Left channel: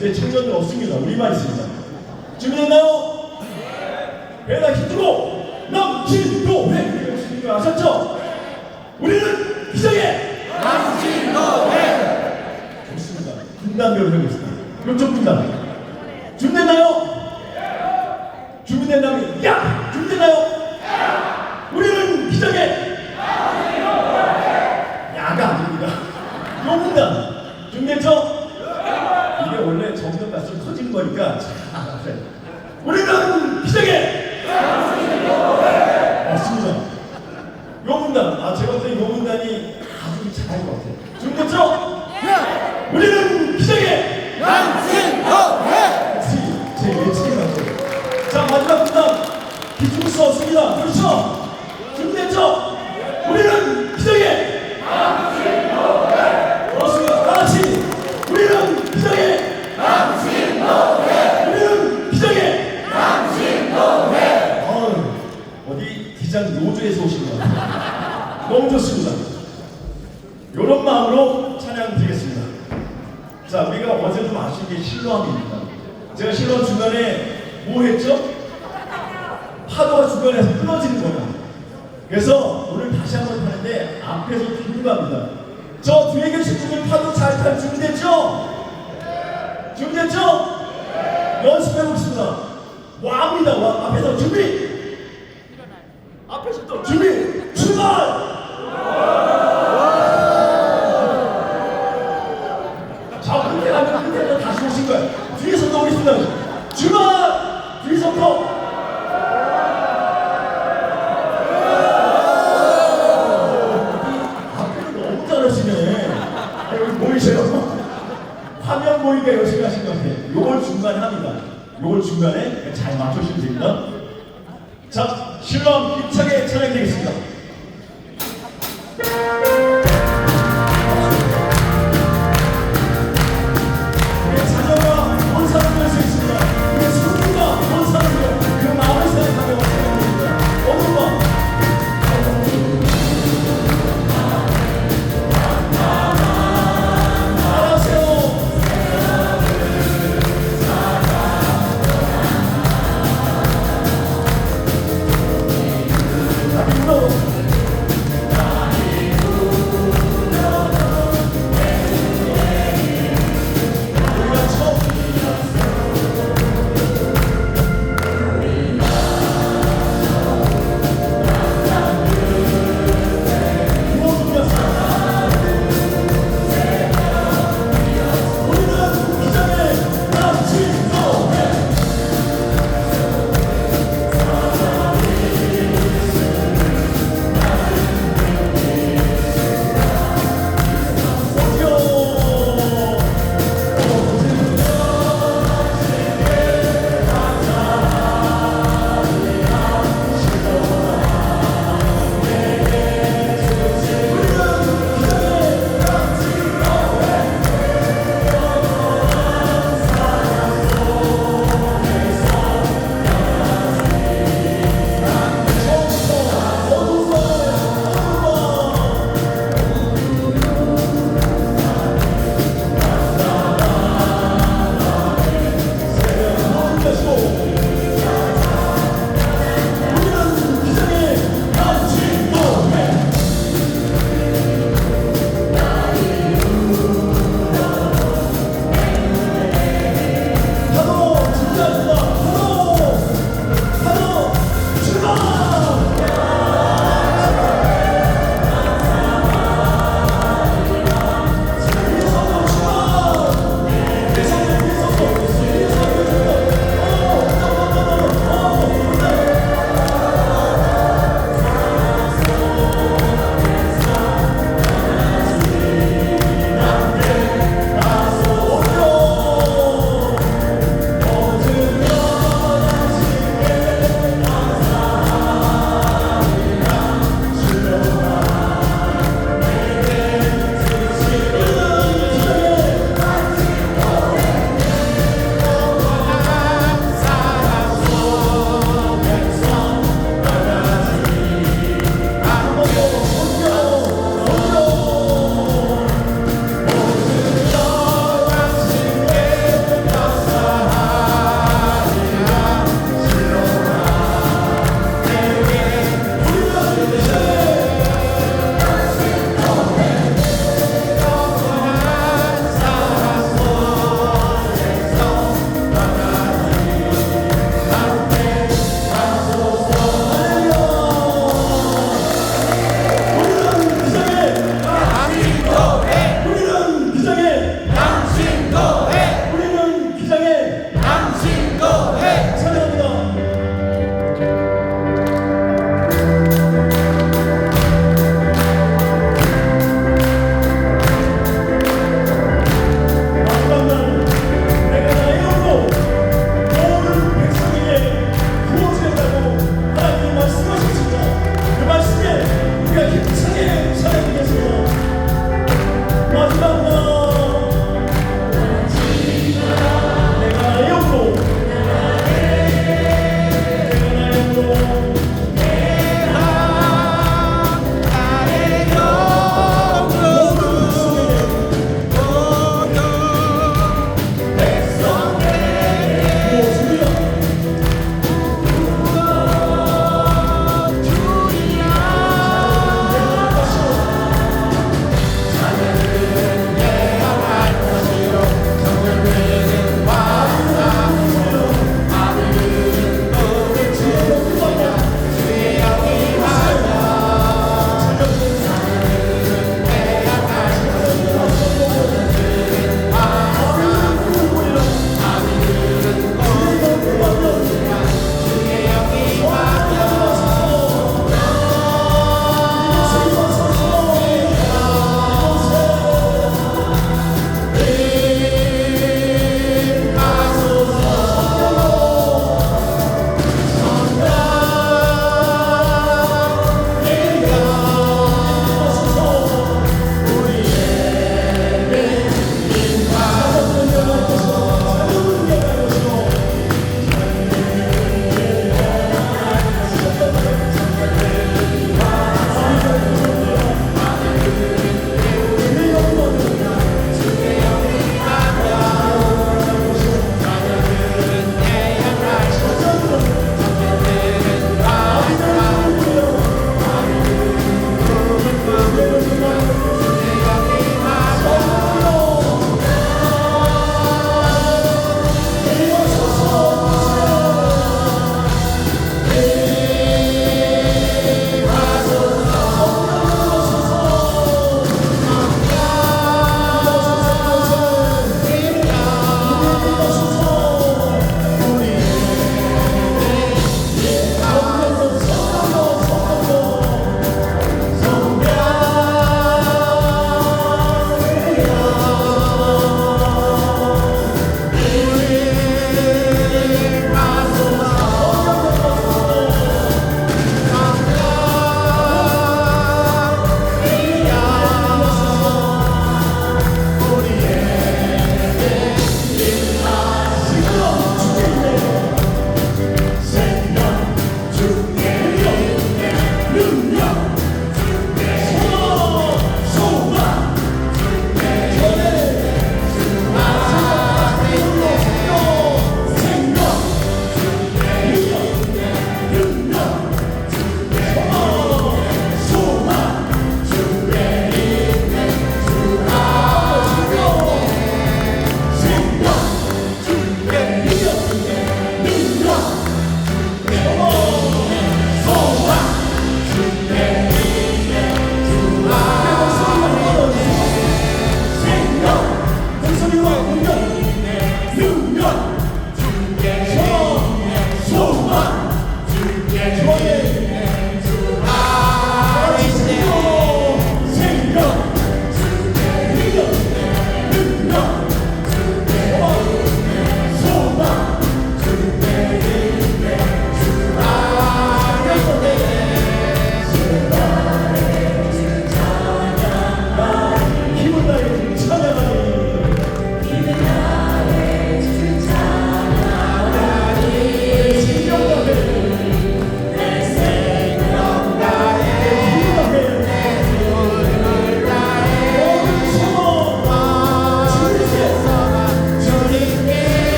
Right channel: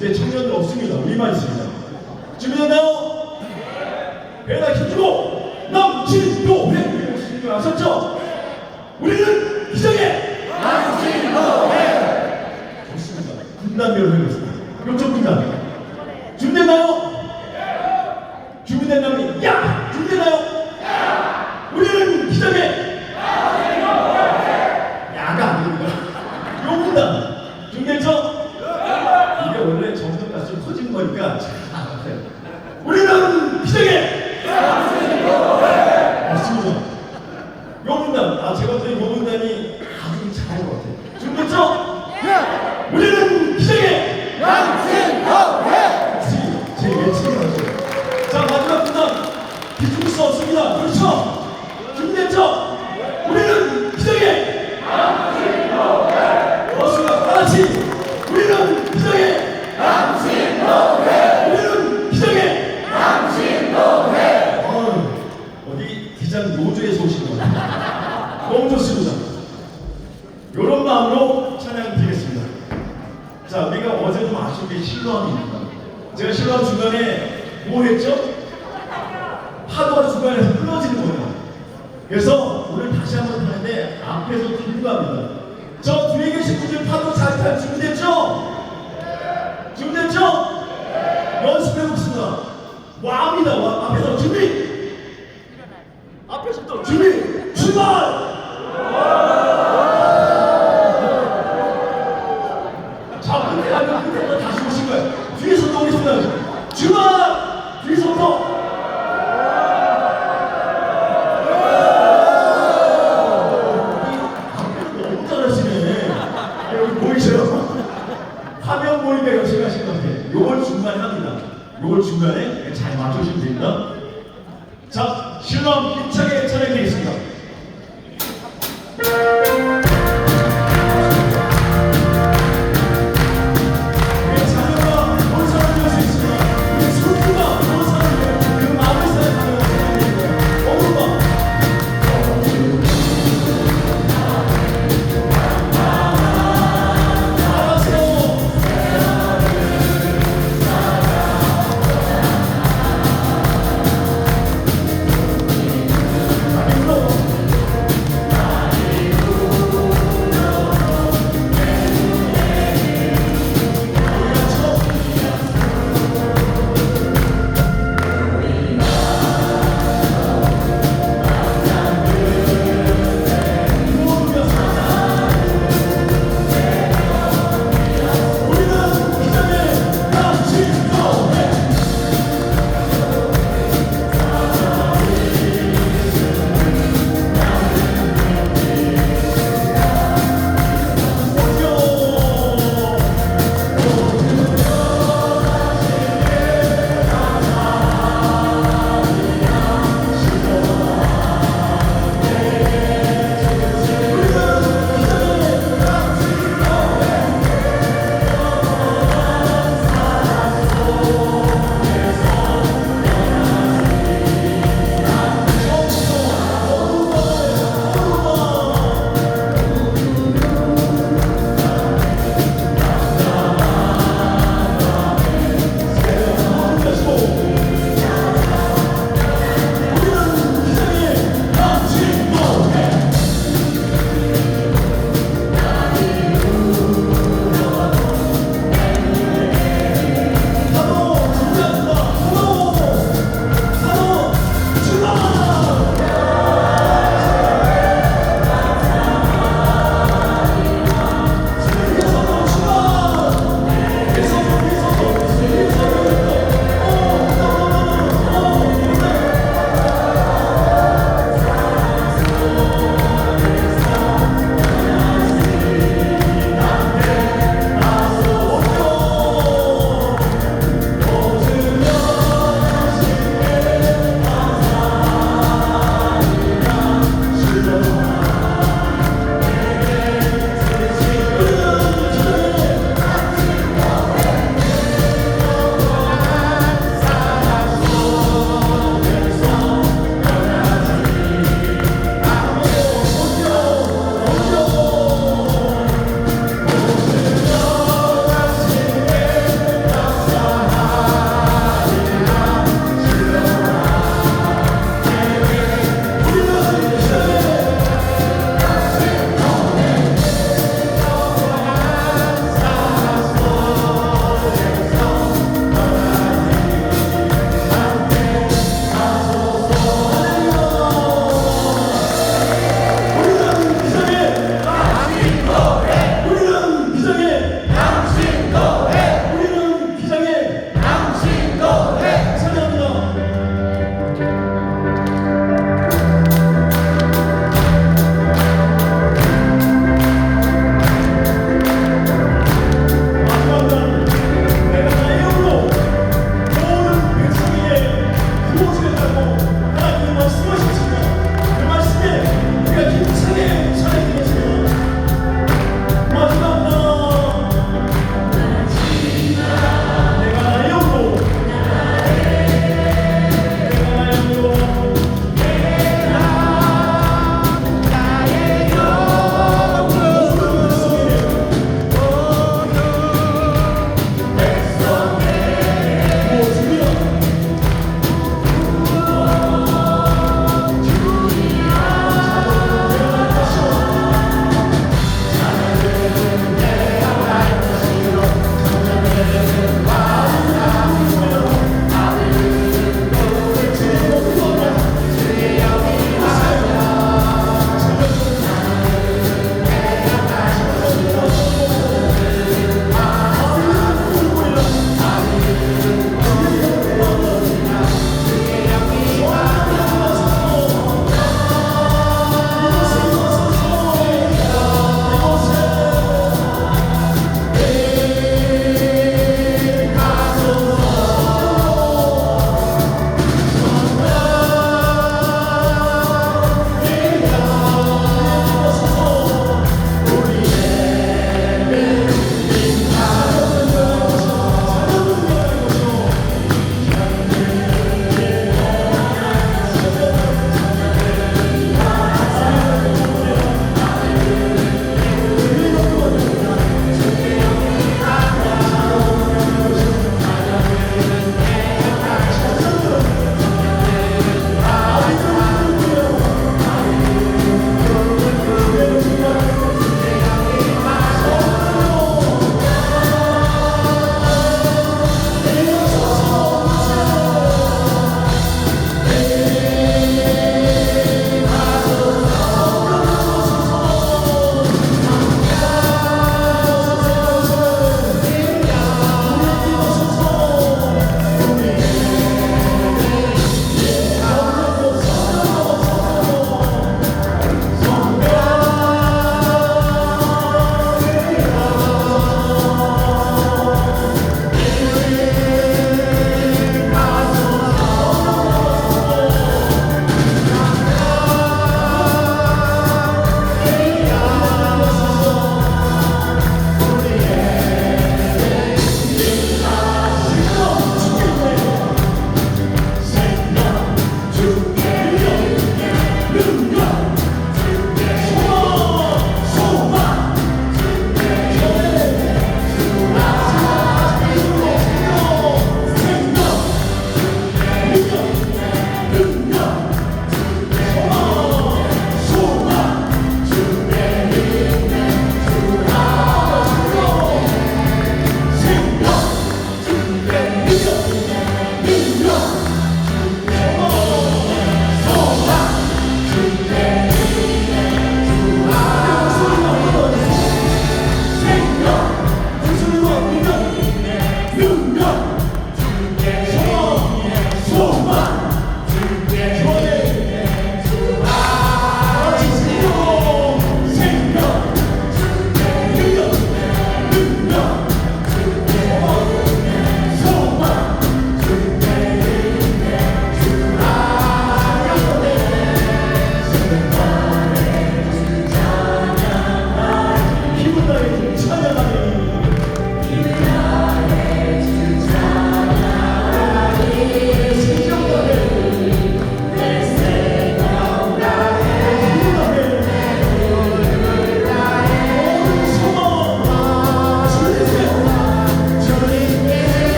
이제 청년이 없습니다. 우리만 있습니다. 준비됐나요? 배가 힘주고 넘친도회 이거 아셨죠? 우리는 기적의 남친도회. 좋습니다. 분단별로 하겠습니다. 이쪽 분단 준비됐나요? 준비됐나요? 야! 준비됐나요? 우리는 기적의 야가 아닙니다. 요분단 준비됐죠? 이게 원래 정성같이 터진 거니까 우리는 기적의 맞습니다. 요분단 제가 볼 때 요분단이 아주 잘할 것 같아요. 준비됐죠? 우리는 기적의 제 예측이 맞죠? 자, 마지막 분단 비출 수 없습니다. 그렇죠? 준비됐죠? 우리는 기적의 맞습니다. 다같이 우리는 기적의 우리는 기적의 어디 기장 요조에서 오신 것 같아요. 너무 좋습니다. 이런 마음으로 찬양 드리겠습니다. 자, 우리가 어제도 아신 게 실로암입니다. 제가 실로암 중간에 뭐 했죠? 파도가 중간에서 끊어지는 거예요. 그래서 오늘 다시 한번 타는데 앞에서 들고 갑니다. 저 뒤에 계신 분들 파도 잘 탈 준비됐죠? 준비됐죠? 연습해보겠습니다. 와입니다. 와. 앞에서 준비! 앞에서 또 준비! 출발! 자, 끝에 가면 끝에 다시 오신 거예요. 뒤에서 또 오겠습니다. 출발! 뒤에서부터 화면 보니까 열심히 하신 것 같아요. 요걸 중간에 합니다. 요걸 중간에 잘 맞추시면 됩니다. 자, 실험 힘차게 찬양드리겠습니다. 우리 자녀가 온 사람을 할 수 있습니다. 우리 손주가 온 사람을 그 마음을 생각하며 찬양드립니다. 어머마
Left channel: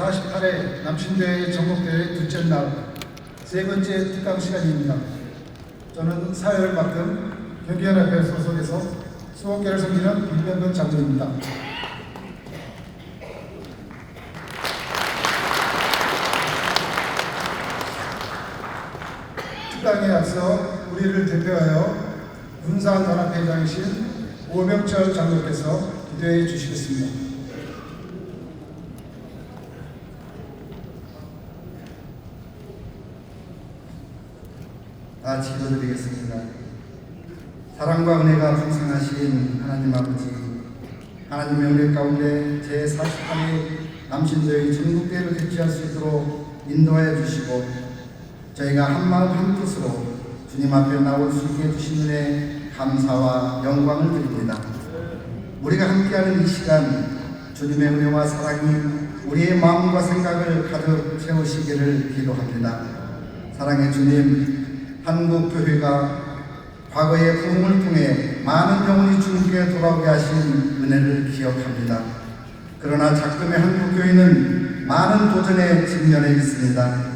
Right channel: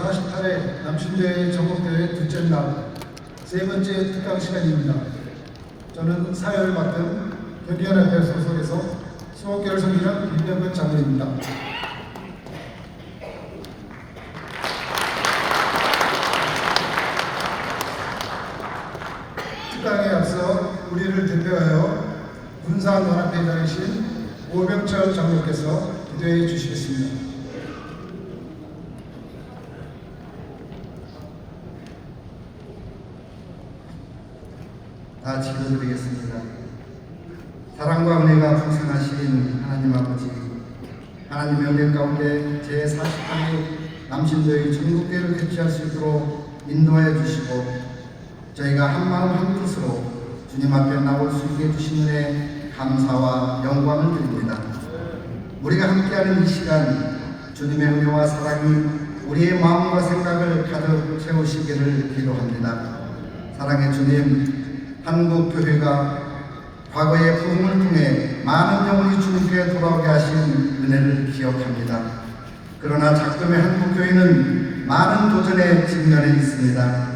제48회 남신교회 전국대회 둘째 날 세 번째 특강 시간입니다. 저는 사회를 맡은 경기연합회 소속에서 15개를 섬기는 김병근 장로입니다. 특강에 앞서 우리를 대표하여 군사연합회장이신 오병철 장로께서 기도해 주시겠습니다. 다 같이 기도드리겠습니다. 사랑과 은혜가 풍성하신 하나님 아버지, 하나님 명령 가운데 제48회 남신도의 전국대회를 개최할 수 있도록 인도하여 주시고 저희가 한마음 한뜻으로 주님 앞에 나올 수 있게 해주신 은혜 감사와 영광을 드립니다. 우리가 함께하는 이 시간 주님의 은혜와 사랑이 우리의 마음과 생각을 가득 채우시기를 기도합니다. 사랑의 주님, 한국교회가 과거의 부흥을 통해 많은 영혼이 주님께 돌아오게 하신 은혜를 기억합니다. 그러나 작금의 한국교회는 많은 도전에 직면해 있습니다.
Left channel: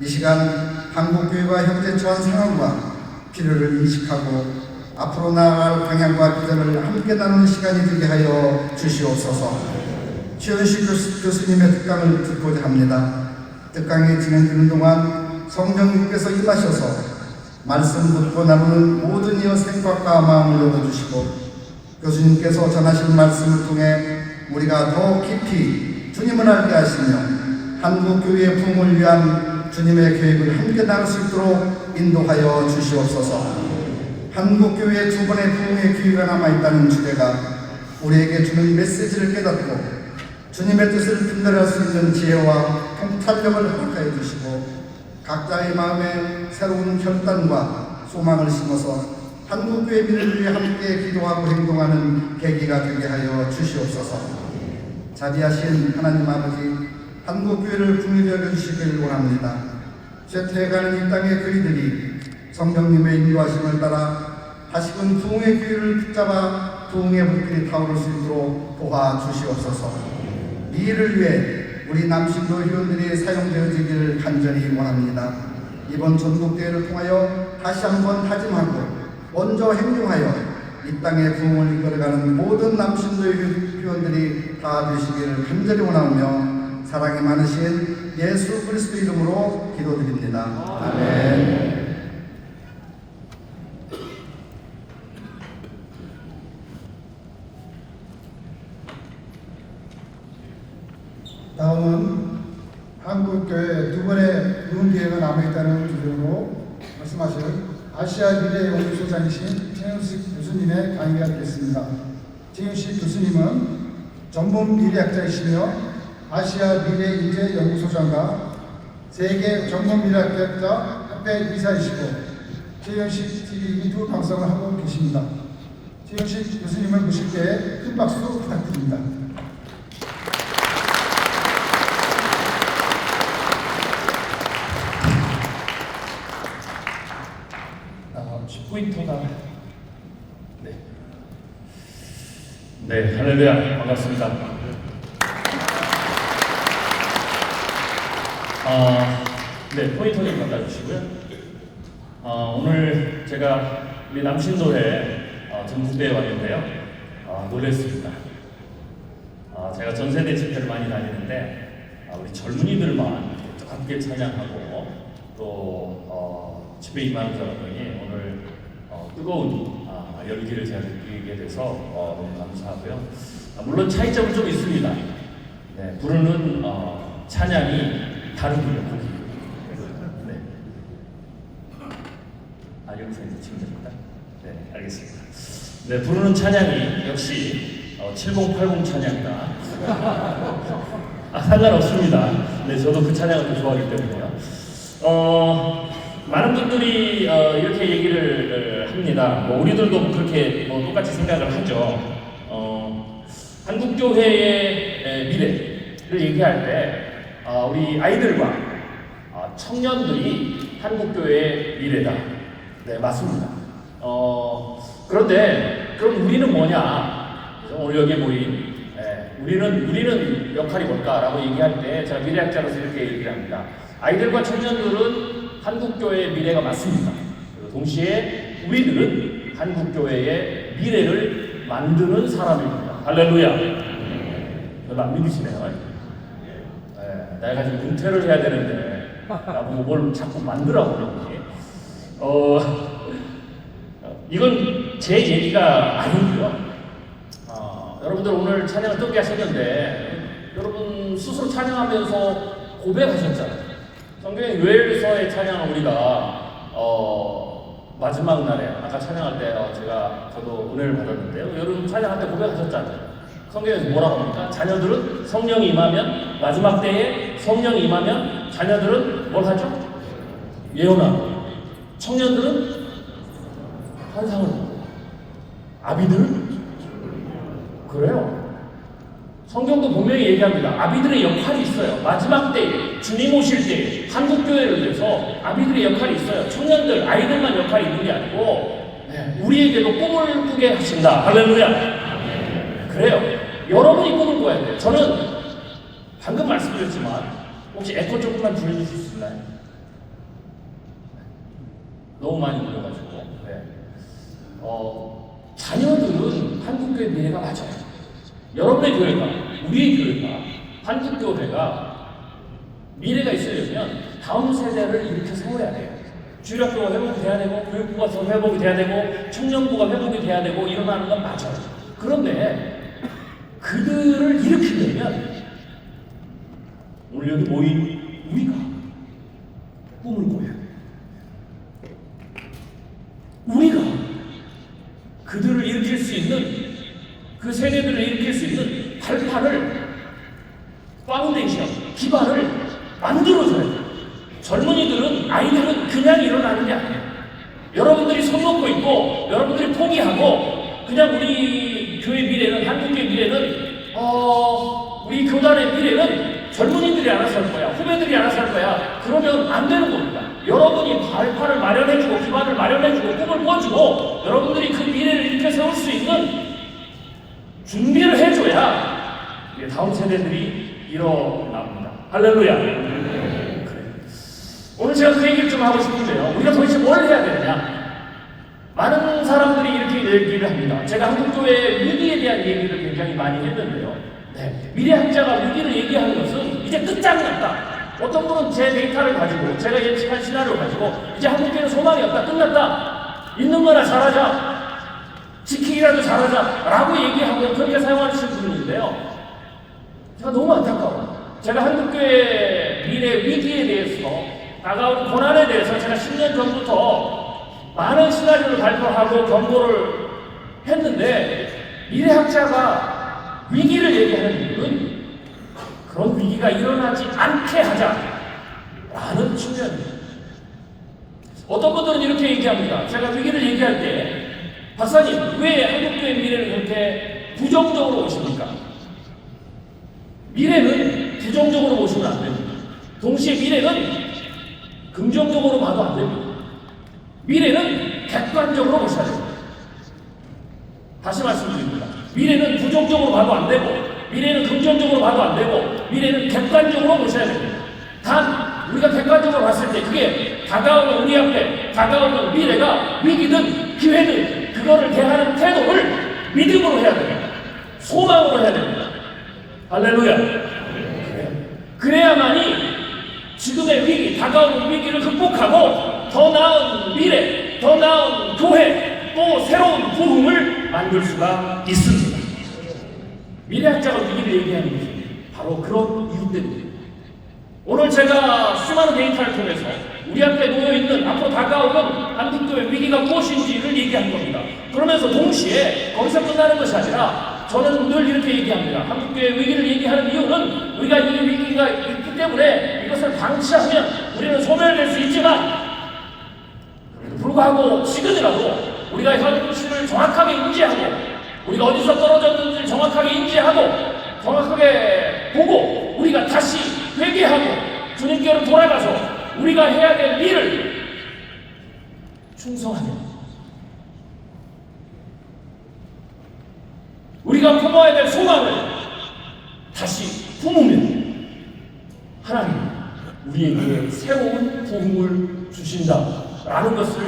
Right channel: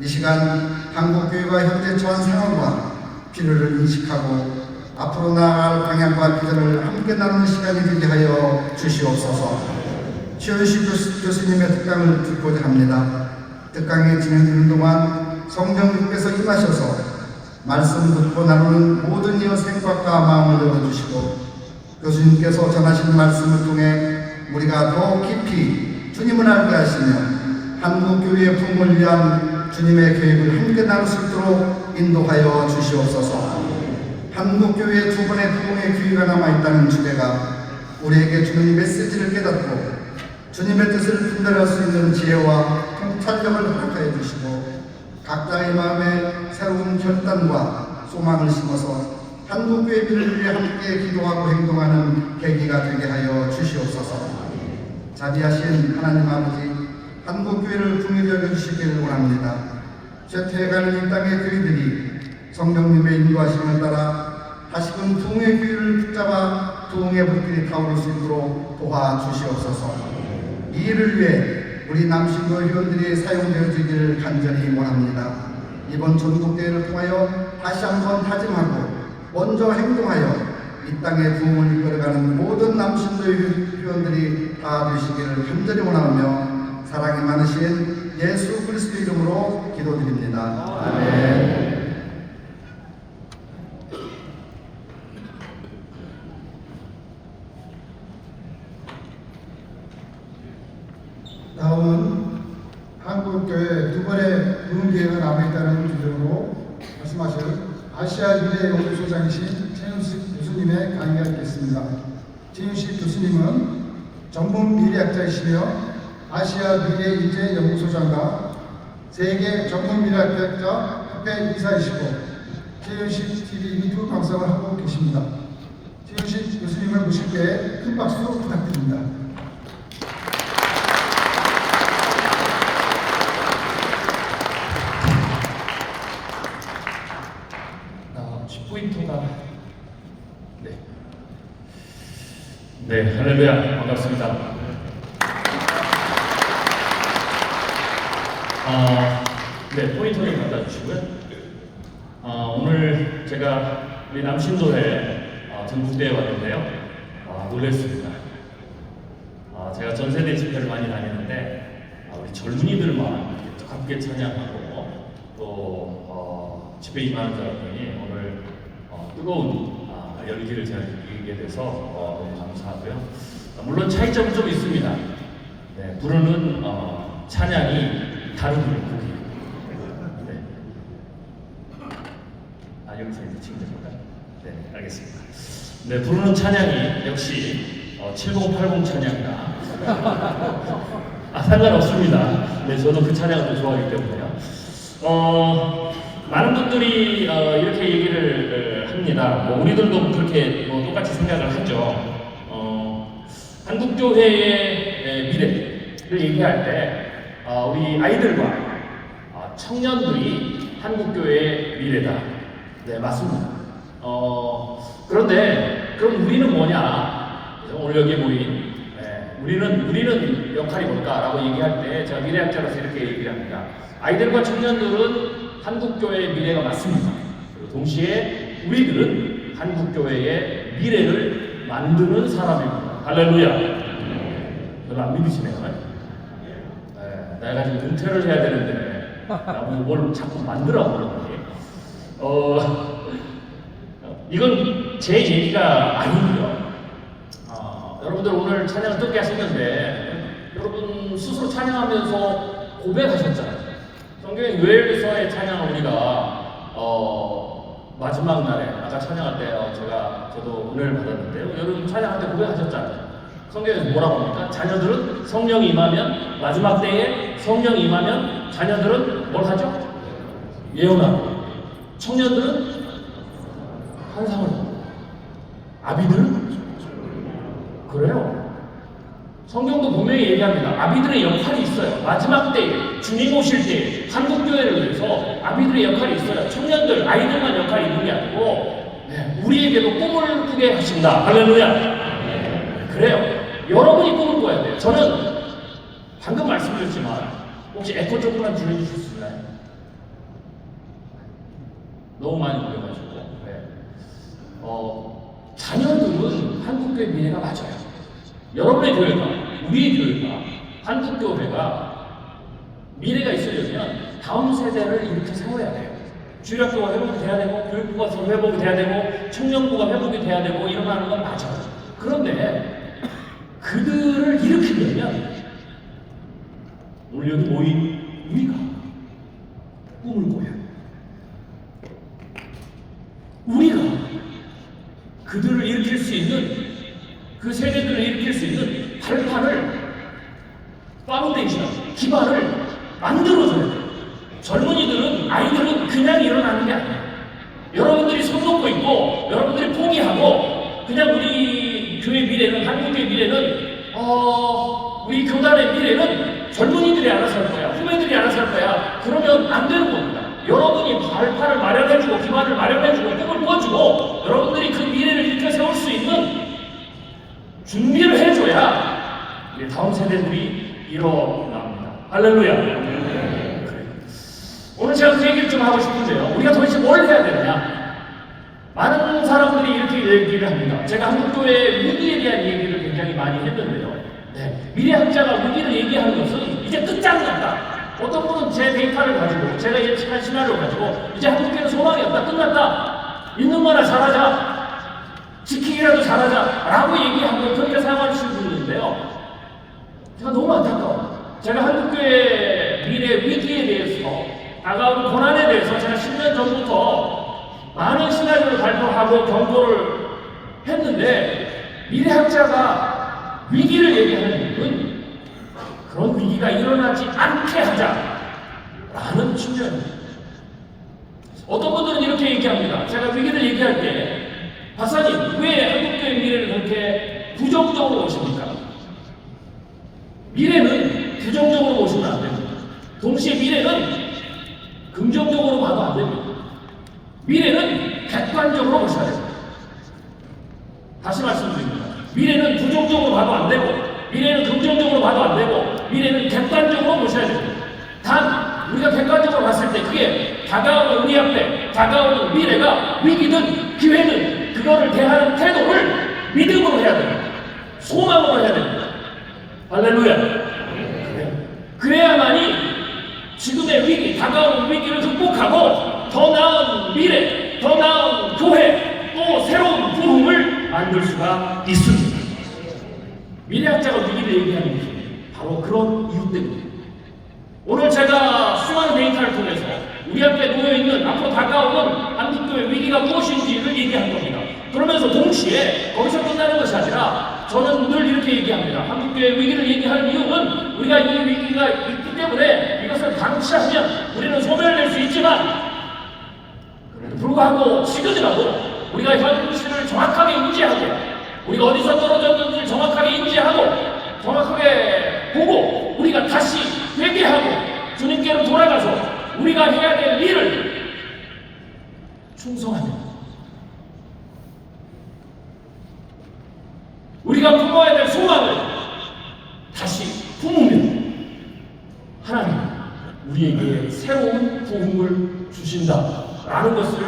이 시간 한국교회가 현재 처한 상황과 필요를 인식하고 앞으로 나아갈 방향과 비전을 함께 나누는 시간이 되게 하여 주시옵소서. 최윤식 교수님의 특강을 듣고자 합니다. 특강에 진행되는 동안 성령님께서 임하셔서 말씀 듣고 나누는 모든 이의 생각과 마음을 열어주시고 교수님께서 전하신 말씀을 통해 우리가 더 깊이 주님을 알게 하시며 한국교회의 부흥을 위한 주님의 계획을 함께 나눌 수 있도록 인도하여 주시옵소서. 한국교회의 두 번의 부흥의 기회가 남아있다는 주제가 우리에게 주는 메시지를 깨닫고 주님의 뜻을 분별할 수 있는 지혜와 통찰력을 허락하여 주시고 각자의 마음에 새로운 결단과 소망을 심어서 한국교회 민을 위해 함께 기도하고 행동하는 계기가 되게 하여 주시옵소서. 자비하신 하나님 아버지, 한국교회를 풍요하여 주시기를 원합니다. 쇠퇴해가는 이 땅의 교회들이 성령님의 인도하심을 따라 다시금 부흥의 기회를 붙잡아 부흥의 불길이 타오를 수 있도록 도와주시옵소서. 이 일을 위해 우리 남신도 회원들이 사용되어지기를 간절히 원합니다. 이번 전국대회를 통하여 다시 한번 다짐하고 먼저 행동하여 이 땅의 부흥을 이끌어가는 모든 남신도 회원들이 다 되시기를 간절히 원하며 사랑이 많으신 예수 그리스도 이름으로 기도드립니다. 아멘. 다음은 한국교회 두 번의 부흥기회가 남아있다는 주제로 말씀하실 아시아 미래 연구소장이신 최윤식 교수님의 강의가 있겠습니다. 최윤식 교수님은 전문 미래학자이시며 아시아 미래 인재 연구소장과 세계 전문 미래학자 협회 이사이시고 최윤식 TV 유튜브 방송을 하고 계십니다. 최윤식 교수님을 모실 때 큰 박수 부탁드립니다. 10포인트가 네, 할렐루야, 반갑습니다. 네, 포인트를 받아주시고요. 오늘 제가 우리 남신도에 전국대에 왔는데요. 놀랐습니다. 제가 전세대 집회를 많이 다니는데 우리 젊은이들만 함께 찬양하고 또 집회 임하는 사람들이 오늘 뜨거운 열기를 제가 느끼게 돼서 너무 감사하고요. 물론 차이점은 좀 있습니다. 네, 부르는 찬양이 다르군요. 네. 여기서 이제 친구입니다. 네, 알겠습니다. 네, 부르는 찬양이 역시 7080 찬양이다. 상관없습니다. 네, 저도 그 찬양을 또 좋아하기 때문에요. 많은 분들이 이렇게 얘기를 합니다. 우리들도 그렇게 똑같이 생각을 하죠. 한국교회의 미래를 얘기할 때 우리 아이들과 청년들이 한국교회의 미래다. 네, 맞습니다. 그런데 그럼 우리는 뭐냐? 오늘 여기 모인 우리는 역할이 뭘까라고 얘기할 때 제가 미래학자로서 이렇게 얘기를 합니다. 아이들과 청년들은 한국교회의 미래가 맞습니다. 그리고 동시에 우리들은 한국교회의 미래를 만드는 사람입니다. 할렐루야. 별로 안 믿으시네요. 내가 지금 은퇴를 해야 되는데 나보고 뭘 자꾸 만들라고 그러더니 이건 제 얘기가 아니고요. 여러분들 오늘 찬양 뜨게 하셨는데 여러분 스스로 찬양하면서 고백하셨잖아요. 성경의 요엘서의 찬양 우리가 마지막 날에 아까 찬양할 때 저도 은혜를 받았는데 여러분 찬양할 때 고백하셨잖아요. 성경에서 뭐라고 합니까? 자녀들은 성령이 임하면 마지막 때에 성령이 임하면 자녀들은 뭘 하죠? 예언하고 청년들은 환상을 하고 아비들은 그래요. 성경도 분명히 얘기합니다. 아비들의 역할이 있어요. 마지막 때에 주님 오실 때 한국교회를 위해서 아비들의 역할이 있어요. 청년들, 아이들만 역할이 있는 게 아니고 우리에게도 꿈을 꾸게 하신다. 할렐루야. 그래요. 여러분이 꿈을 꿔야 돼요. 저는 방금 말씀드렸지만 혹시 에코 조금만 줄여주실 수 있나요? 너무 많이 올려가지고 자녀들은 한국교회 미래가 맞아요. 여러분의 교회가, 우리의 교회가, 한국교회가 미래가 있으려면 다음 세대를 이렇게 세워야 돼요. 주일학교가 회복이 돼야 되고, 교육부가 회복이 돼야 되고, 청년부가 회복이 돼야 되고, 일어나는 건 맞아요. 그런데 그들을 일으키려면 오늘 여기 모인 우리가 꿈을 꿔야 돼요. 우리가 그들을 일으킬 수 있는 그 세대들을 일으킬 수 있는 발판을 파운데이션, 기반을 만들어줘야 돼요. 젊은이들은 아이들은 그냥 일어나는 게 아니에요. 여러분들이 손 놓고 있고 여러분들이 포기하고 그냥 우리 교회 미래는 한국의 미래는 우리 교단의 미래는 젊은이들이 알아서 할 거야. 후배들이 알아서 할 거야. 그러면 안 되는 겁니다. 여러분이 발판을 마련해주고 기반을 마련해주고 꿈을 꾸어주고 여러분들이 그 미래를 일으켜 세울 수 있는 준비를 해줘야 우리 다음 세대들이 일어납니다. 할렐루야. 오늘 제가 그 얘기를 좀 하고 싶은데요. 우리가 도대체 뭘 해야 되느냐? 많은 사람들이 이렇게 얘기를 합니다. 제가 한국교회의 위기에 대한 얘기를 굉장히 많이 했는데요. 미래학자가 위기를 얘기하는 것은 이제 끝장났다. 어떤 분은 제 데이터를 가지고 제가 예측한 시나리오를 가지고 이제 한국교회는 소망이 없다. 끝났다. 있는 거나 잘하자. 지키기라도 잘하자 라고 얘기하고 그렇게 생각하시는 분이 있는데요. 제가 너무 안타까워요. 제가 한국교회 미래 위기에 대해서 다가오는 고난에 대해서 제가 10년 전부터 많은 시나리오를 발표하고 경고를 했는데 미래학자가 위기를 얘기하는 부분은 그런 위기가 일어나지 않게 하자라는 측면입니다. 어떤 분들은 이렇게 얘기합니다. 제가 위기를 얘기할 때 박사님 왜 한국교회 미래를 그렇게 부정적으로 보십니까? 미래는 부정적으로 보시면 안 됩니다. 동시에 미래는 긍정적으로 봐도 안 됩니다. 미래는 객관적으로 보셔야 됩니다. 다시 말씀드립니다. 미래는 부정적으로 봐도 안 되고 미래는 긍정적으로 봐도 안 되고 미래는 객관적으로 보셔야 됩니다. 단 우리가 객관적으로 봤을 때 그게 다가오는 우리 앞에 다가오는 미래가 위기든 기회든 그거를 대하는 태도를 믿음으로 해야 됩니다. 소망으로 해야 됩니다. 할렐루야. 그래야만이 지금의 위기, 다가오는 위기를 극복하고 더 나은 미래, 더 나은 교회, 또 새로운 부흥을 만들 수가 있습니다. 미래학자가 위기를 얘기하는 것은 바로 그런 이유 때문입니다. 오늘 제가 수많은 데이터를 통해서 우리 앞에 놓여있는 앞으로 다가오는 한국교회 위기가 무엇인지를 얘기한 겁니다. 그러면서 동시에 거기서 끝나는 것이 아니라 저는 늘 이렇게 얘기합니다. 한국교회 위기를 얘기하는 이유는 우리가 이 위기가 있기 때문에 이것을 방치하면 우리는 소멸될 수 있지만 불구하고 지금이라도 우리가 현실을 정확하게 인지하고 우리가 어디서 떨어졌는지를 정확하게 인지하고 정확하게 보고 우리가 다시 회개하고 주님께로 돌아가서 우리가 해야 될 일을 충성하며 우리가 품어야 될 소망을 우리에게 새로운 부흥을 주신다라는 것을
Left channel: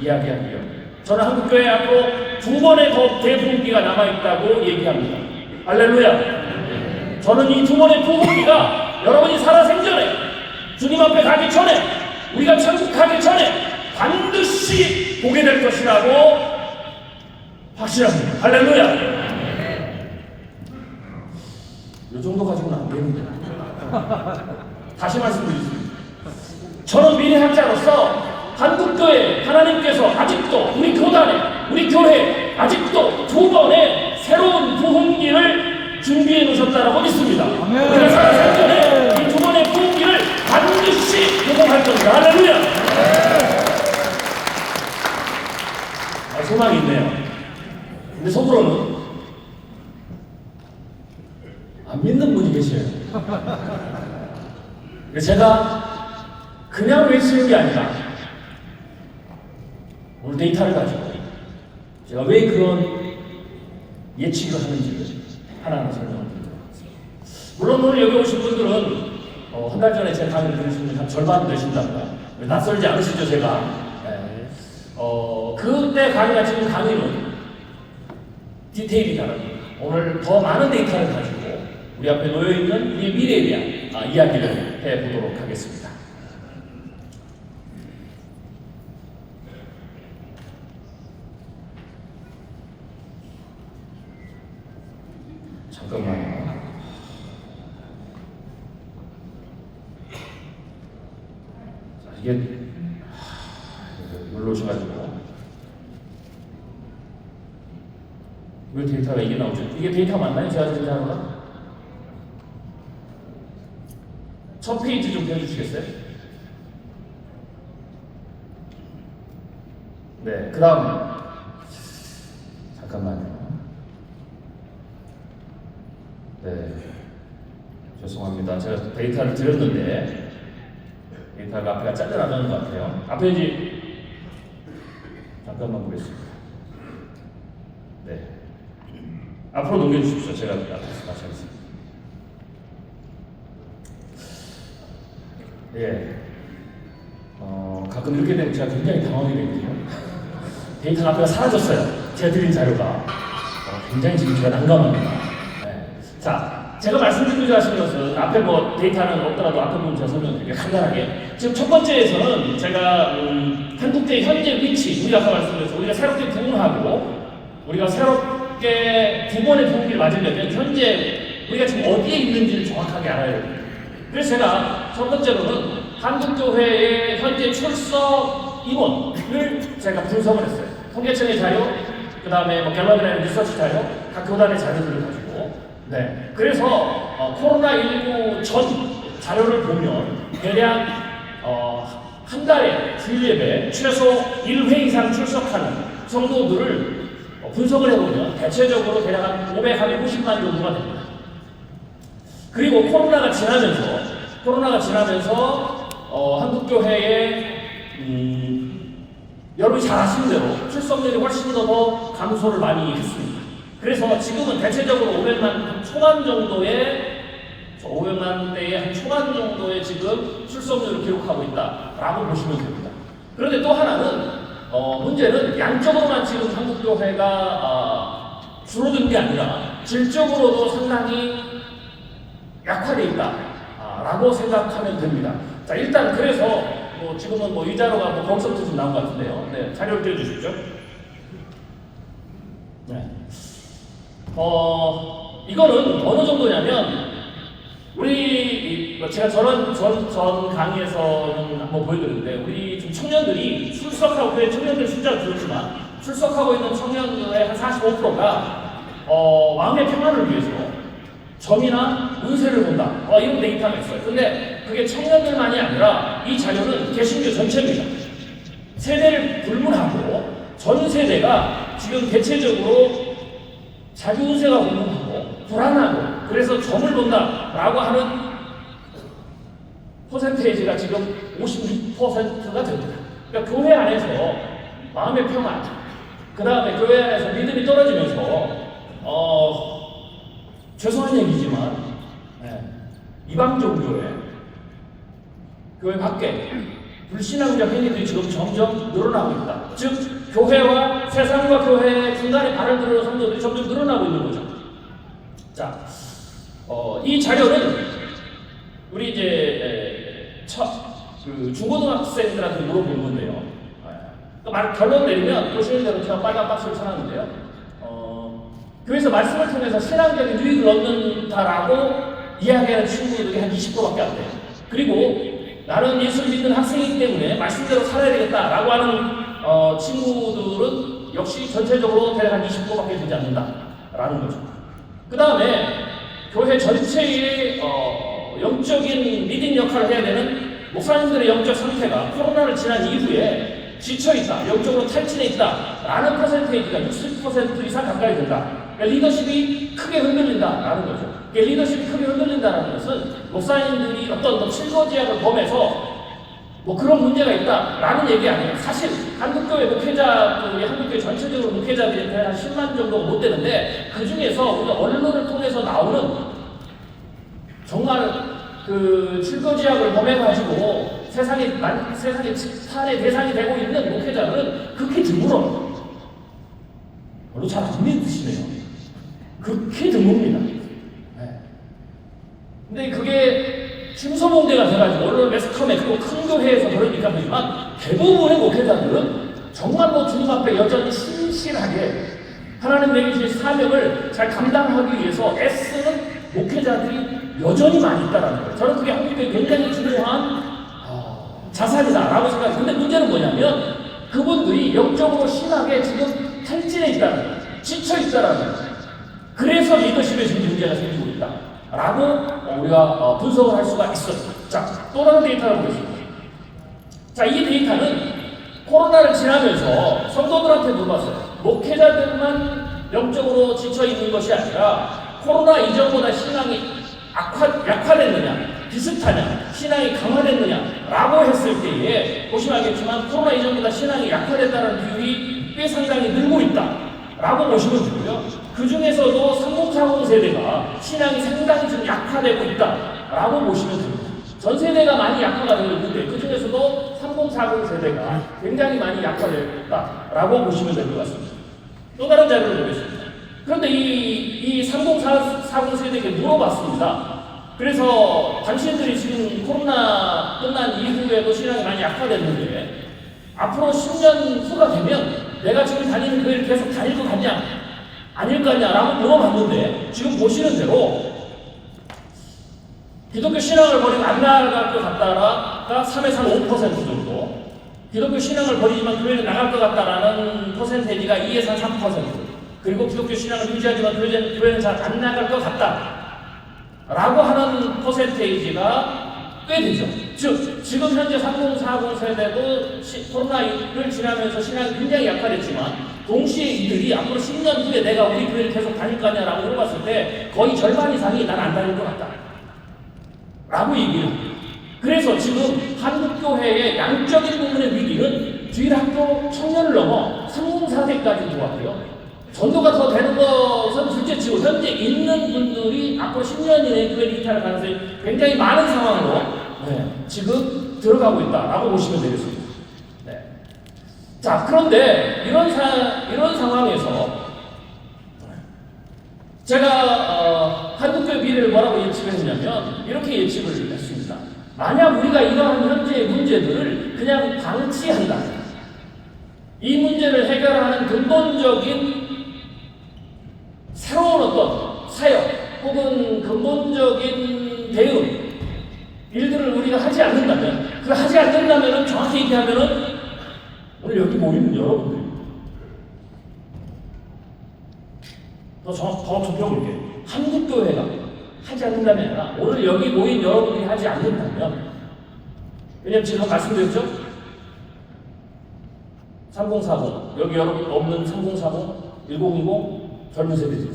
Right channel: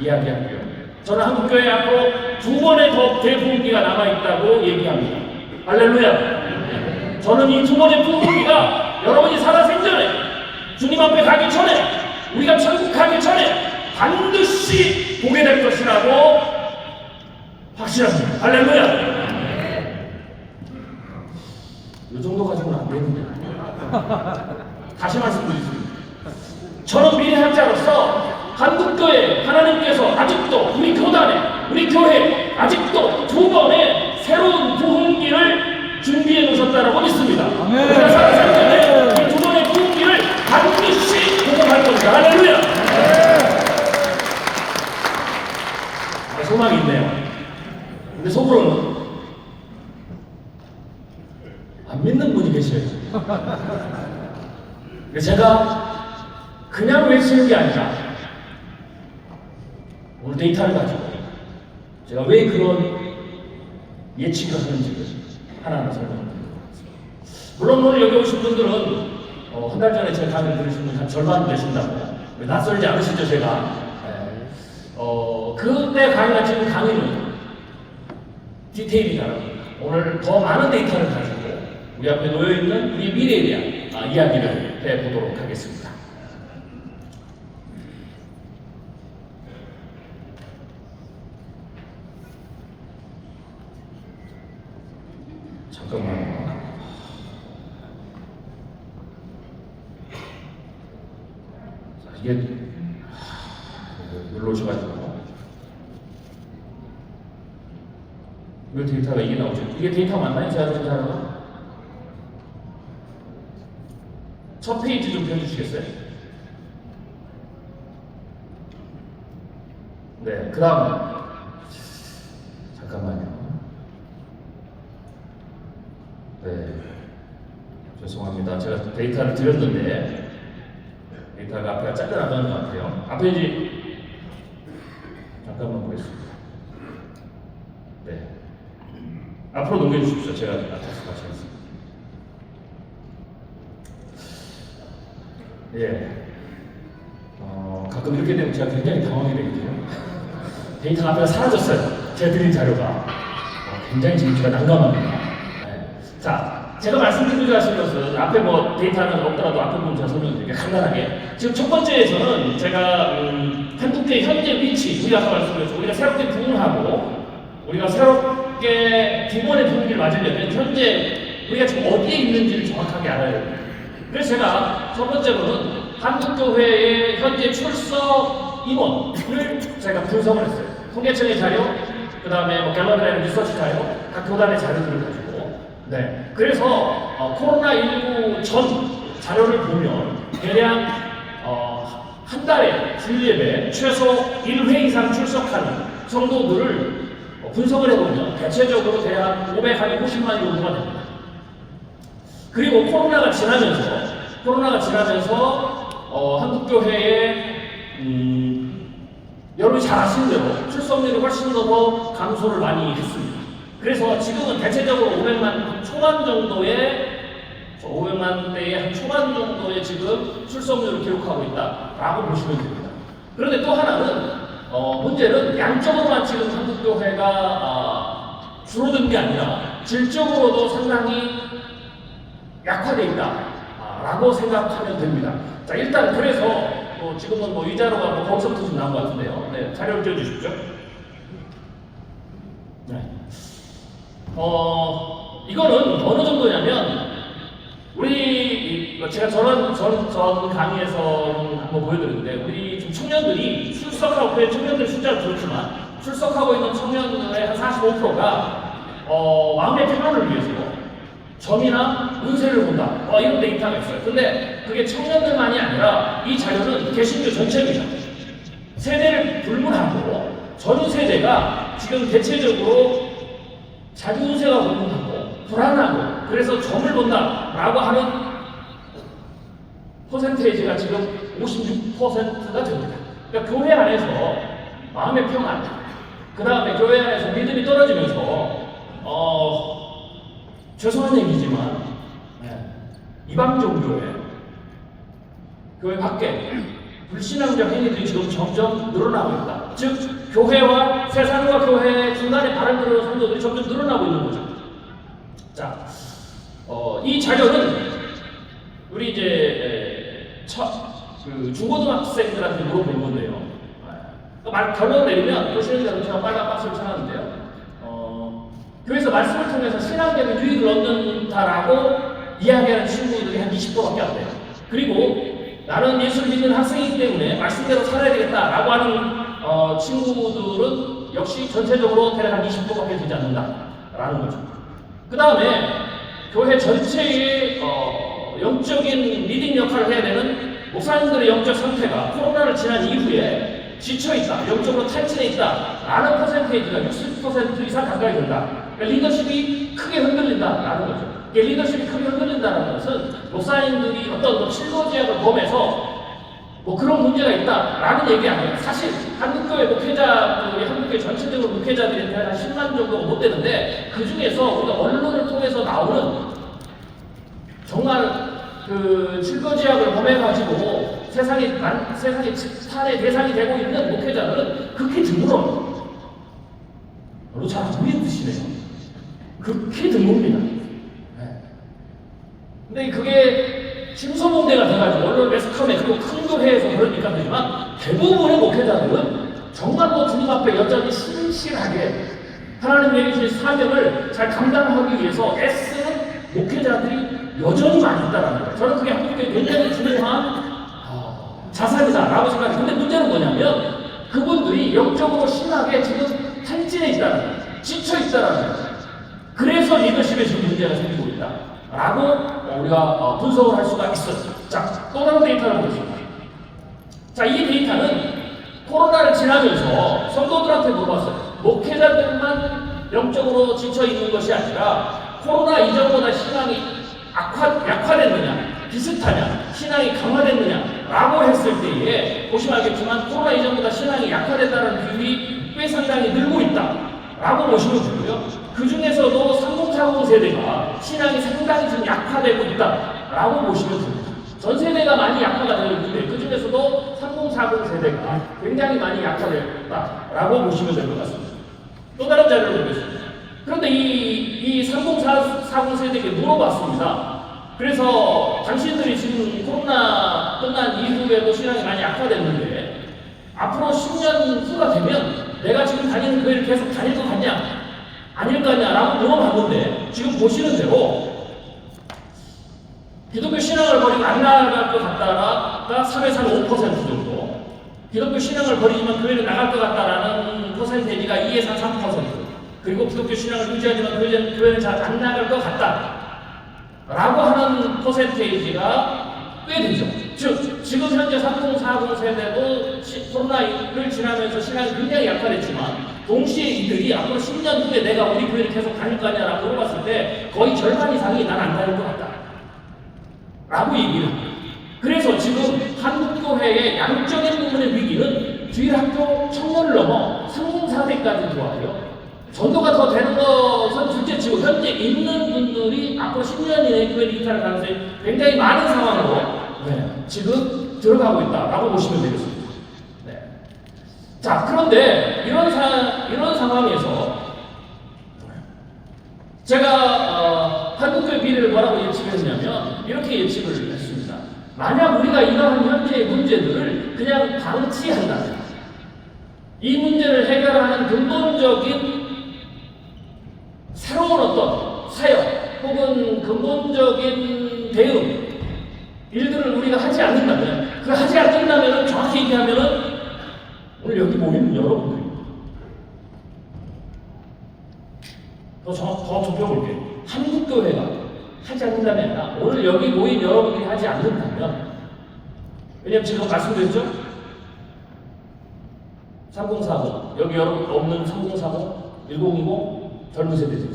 이야기하고요. 저는 한국교회 앞으로 2번의 더 대부흥기가 남아있다고 얘기합니다. 할렐루야. 저는 이 2번의 부흥기가 여러분이 살아생전에 주님 앞에 가기 전에 우리가 천국 가기 전에 반드시 보게 될 것이라고 확실합니다. 할렐루야. 이 정도 가지고는 안 되는데. 다시 말씀드리겠습니다. 저는 미래 학자로서 한국교회 하나님께서 아직도 우리 교단에 우리 교회 아직도 2번의 새로운 부흥기를 준비해 놓으셨다라고 믿습니다. 우리가 살아생전에 이 2번의 부흥기를 반드시 공급할 겁니다. 할렐루야. 소망이 있네요. 근데 속으로는 안 믿는 분이 계셔요. 제가 그냥 외치는 게 아니라 오늘 데이터를 가지고 제가 왜 그런 예측을 하는지 하나하나 설명드립니다. 물론 오늘 여기 오신 분들은 한 달 전에 제 강의를 들으신 분이 한 절반 되신다고 낯설지 않으시죠 제가. 그때 강의가 지금 강의는 디테일이잖아요. 오늘 더 많은 데이터를 가지고 우리 앞에 놓여있는 우리 미래에 대한 이야기를 해보도록 하겠습니다. 잠깐만요. 이게 눌러줘가지고 왜 데이터가 이게 나오죠? 이게 데이터 맞나요? 제가 생각하는 거? 첫 페이지 좀 해주시겠어요? 네, 그 다음 잠깐만요. 네, 죄송합니다. 제가 데이터를 드렸는데 데이터가 앞에 짧게 나가는 것 같아요. 앞에 이제 잠깐만 보겠습니다. 네, 앞으로 넘겨주십시오. 제가 다시 하겠습니다. 예. 가끔 이렇게 되면 제가 굉장히 당황이 되거든요. 데이터가 앞에 사라졌어요. 제가 드린 자료가. 굉장히 지금 제가 난감합니다. 네. 자, 제가 말씀드리고 하신 것은 앞에 뭐 데이터는 없더라도 앞에 부분 제가 설명드릴게요. 간단하게. 지금 첫 번째에서는 제가 한국교회 현재 위치, 우리가 아까 말씀드렸죠. 우리가 새롭게 부흥하고 우리가 새롭게 2번의 부흥기를 맞으려면 현재 우리가 지금 어디에 있는지를 정확하게 알아야 돼요. 그래서 제가 첫 번째로는 한국교회의 현재 출석 인원을 제가 분석을 했어요. 통계청의 자료, 그 다음에 뭐 갤러리라는 리서치 자료, 각 교단의 자료들을 가지고. 네. 그래서 코로나19 전 자료를 보면 대략 한 달에 주일예배 최소 1회 이상 출석하는 성도들을 분석을 해보면 대체적으로 대략 550만 정도가 됩니다. 그리고 코로나가 지나면서 한국교회의 여러분이 잘 아시는 대로 출석률이 훨씬 더 감소를 많이 했습니다. 그래서 지금은 대체적으로 500만 초반 정도의 500만 대의 한 초반 정도의 지금 출석률을 기록하고 있다라고 보시면 됩니다. 그런데 또 하나는 문제는 양적으로만 지금 한국교회가 줄어든 게 아니라 질적으로도 상당히 약화되어 있다라고 생각하면 됩니다. 자, 일단 그래서 지금은 이 자료가 거기서부터 좀 나온 것 같은데요. 네, 자료를 띄워주십시오. 네. 이거는 어느 정도냐면 제가 전 강의에서 한번 보여드렸는데 우리 좀 청년들이 출석하고 청년들 숫자가 그렇지만 출석하고 있는 청년들의 한 45%가 마음의 평안을 위해서 점이나 운세를 본다. 이런 데이터가 있어요. 근데 그게 청년들만이 아니라 이 자료는 개신교 전체입니다. 세대를 불문하고 전 세대가 지금 대체적으로 자기 운세가 불문하고 불안하고 그래서 점을 본다라고 하는 퍼센테이지가 지금 56%가 됩니다. 그러니까 교회 안에서 마음의 평안, 그 다음에 교회 안에서 믿음이 떨어지면서 죄송한 얘기지만 이방 종교에 교회 밖에 불신앙적 행위들이 지금 점점 늘어나고 있다. 즉 교회와 세상과 교회 중간에 발을 들어 성도들이 점점 늘어나고 있는 거죠. 자, 이 자료는 우리 이제 그 중고등학생들한테 물어본 건데요. 결론 내리면 보시는 대로 저는 빨간 박스를 쳐놨는데요. 교회에서 말씀을 통해서 신앙적인 유익을 얻는다라고 이야기하는 친구들이 한 20%밖에 안 돼요. 그리고 나는 예수를 믿는 학생이기 때문에 말씀대로 살아야 되겠다라고 하는 친구들은 역시 전체적으로 대략 한 20%밖에 되지 않는다라는 거죠. 그 다음에 교회 전체의 영적인 리딩 역할을 해야 되는 목사님들의 영적 상태가 코로나를 지난 이후에 지쳐있다, 영적으로 탈진해 있다라는 퍼센테이지가 60% 이상 가까이 된다. 그러니까 리더십이 크게 흔들린다라는 거죠. 리더십이 크게 흔들린다는 것은 목사님들이 어떤 실거지약을 범해서 그런 문제가 있다라는 얘기 아니에요. 사실 한국교회 목회자들이 한국교회 전체적으로 목회자들이 한 10만 정도가 못 되는데 그 중에서 우리 언론을 통해서 나오는 정말 그 실거지약을 범해가지고 세상에 탄의 대상이 되고 있는 목회자들은 극히 드물어요. 별로 잘 안 믿으시네요. 극히 드뭅니다. 근데 그게 심소문제가 돼가지고 언론 매스컴에서 큰 교회에서 그러니까 되지만 대부분의 목회자들은 정말 주님 앞에 여전히 신실하게 하나님의 주신 사명을 잘 감당하기 위해서 애쓰는 목회자들이 여전히 많이 있다는 거예요. 저는 그게 한국교회 굉장히 중요한 자산이다라고 생각해요. 근데 문제는 뭐냐면 그분들이 영적으로 심하게 지금 탈진해 있다는 거예요. 지쳐 있다는 거예요. 그래서 리더십에 지금 문제가 생기고 있다라고 우리가 분석을 할 수가 있어요. 자, 또 다른 데이터를 보겠습니다. 자, 이 데이터는 코로나를 지나면서 성도들한테 물어봤어요. 목회자들만 영적으로 지쳐 있는 것이 아니라 코로나 이전보다 신앙이 약화됐느냐, 비슷하냐, 신앙이 강화됐느냐라고 했을 때에 보시면 알겠지만 코로나 이전보다 신앙이 약화됐다는 비율이 꽤 상당히 늘고 있다라고 보시면 되고요. 그 중에서도 3040 세대가 신앙이 상당히 좀 약화되고 있다라고 보시면 됩니다. 전 세대가 많이 약화가 되고 있는데 그 중에서도 3040 세대가 굉장히 많이 약화되고 있다라고 보시면 될 것 같습니다. 또 다른 자료를 보겠습니다. 그런데 이 3040 세대에게 물어봤습니다. 그래서 당신들이 지금 코로나 끝난 이후에도 신앙이 많이 약화됐는데 앞으로 10년 후가 되면 내가 지금 다니는 교회를 계속 다닐 것 같냐? 아닐 거 아니냐라고 물어봤는데 지금 보시는 대로 기독교 신앙을 버리고 안 나갈 것 같다가 3에서 5% 정도, 기독교 신앙을 버리지만 교회를 나갈 것 같다라는 퍼센테이지가 2에서 3%, 그리고 기독교 신앙을 유지하지만 교회는 잘 안 나갈 것 같다라고 하는 퍼센테이지가 꽤 되죠. 즉 지금 현재 3040 세대도 코로나를 지나면서 신앙이 굉장히 약화됐지만 동시에 이들이 앞으로 10년 후에 내가 우리 교회를 계속 다닐 거냐라고 물어봤을 때 거의 절반 이상이 난 안 다닐 것 같다 라고 얘기를 합니다. 그래서 지금 한국교회의 양적인 부분의 위기는 주일학교 청년을 넘어 3040까지 들어왔고요. 전도가 더 되는 것은 둘째치고 현재 있는 분들이 앞으로 10년 이내에 교회를 이탈할 가능성이 굉장히 많은 상황으로 지금 들어가고 있다라고 보시면 되겠습니다. 자, 그런데 이런 상황에서 제가 한국교회 미래를 뭐라고 예측을 했냐면 이렇게 예측을 했습니다. 만약 우리가 이러한 현재의 문제들을 그냥 방치한다, 이 문제를 해결하는 근본적인 새로운 어떤 사역 혹은 근본적인 대응 일들을 우리가 하지 않는다면, 그 하지 않는다면 정확히 얘기하면은 오늘 여기 모이는 여러분들이 더 좁혀볼게요. 한국교회가 하지 않는다면 아니라 오늘 여기 모인 여러분들이 하지 않는다면, 왜냐면 지금 말씀드렸죠? 3040 여기 여러분 없는 3040, 1900 젊은 세대죠.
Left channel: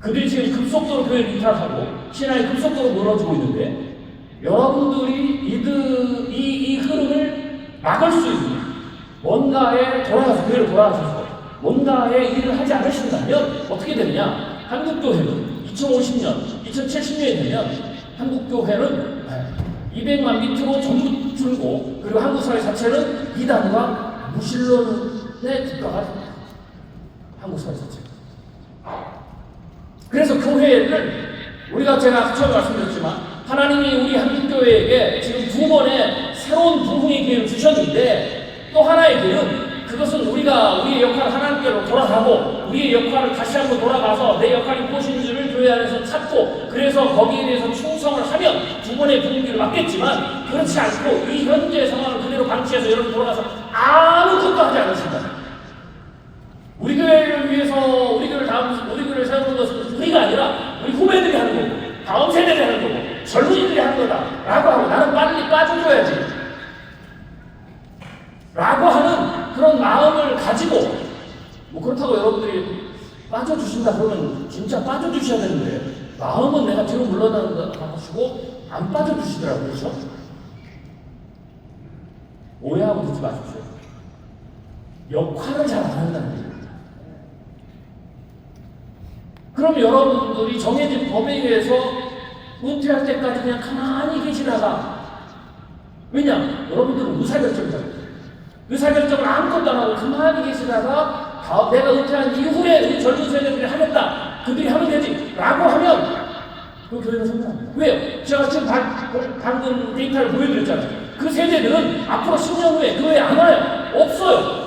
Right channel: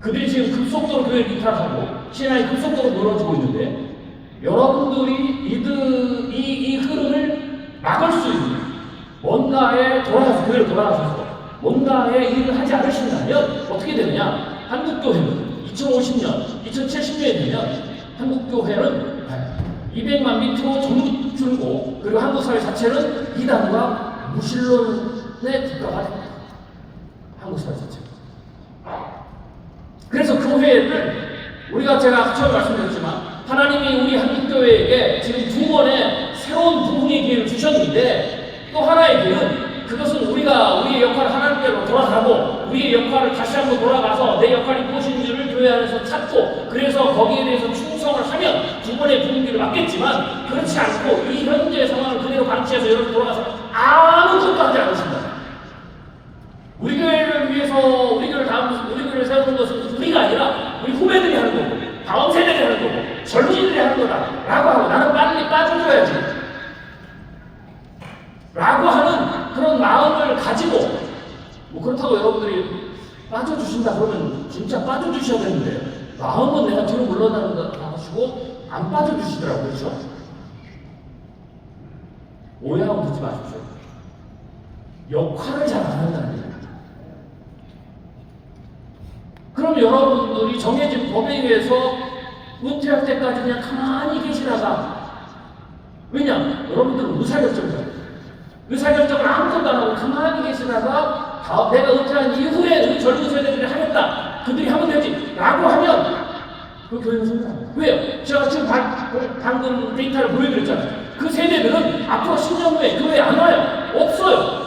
그들이 지금 급속도로 교회를 이탈하고 신앙이 급속도로 무너지고 있는데 여러분들이 이 흐름을 막을 수 있는 뭔가에 돌아가서 교회를 돌아가셔서 뭔가의 일을 하지 않으신다면 어떻게 되느냐? 한국교회는 2050년, 2070년이 되면 한국교회는 200만 밑으로 전부 줄고, 그리고 한국 사회 자체는 이단과 무신론의 국가가 됩니다. 한국 사회 자체가. 그래서 교회를 우리가 제가 처음 말씀드렸지만 하나님이 우리 한국교회에게 지금 두 번의 새로운 부흥의 기회를 주셨는데, 또 하나의 기회는 그것은 우리가 우리의 역할을 하나님께로 돌아가고 우리의 역할을 다시 한번 돌아가서 내 역할이 무엇인지를 교회 안에서 찾고, 그래서 거기에 대해서 충성을 하면 두 번의 부흥기를 맞겠지만, 그렇지 않고 이 현재 상황을 그대로 방치해서 여러분 돌아가서 아무것도 하지 않으신다. 우리 교회를 위해서 우리 교회를 세우는 것은 우리가 아니라 우리 후배들이 하는 거고, 다음 세대들이 하는 거고, 젊은이들이 하는 거다라고 하고, 나는 빨리 빠져줘야지 라고 하는 그런 마음을 가지고, 뭐 그렇다고 여러분들이 빠져주신다 그러면 진짜 빠져주셔야 되는데, 마음은 내가 뒤로 물러나는 거 하시고 안 빠져주시더라고요. 그렇죠? 오해하고 듣지 마십시오. 역할을 잘 안 한다는 거예요. 그럼 여러분들이 정해진 법에 의해서 은퇴할 때까지 그냥 가만히 계시다가, 왜냐? 여러분들은 의사결정이에요. 의사결정을 아무것도 안 하고 가만히 계시다가 내가 은퇴한 이후에 우리 젊은 세대들이 하겠다, 그들이 하면 되지 라고 하면 그 교회는 성공합니다. 왜요? 제가 지금 방금 데이터를 보여드렸잖아요. 그 세대들은 앞으로 10년 후에 교회 안 와요. 없어요.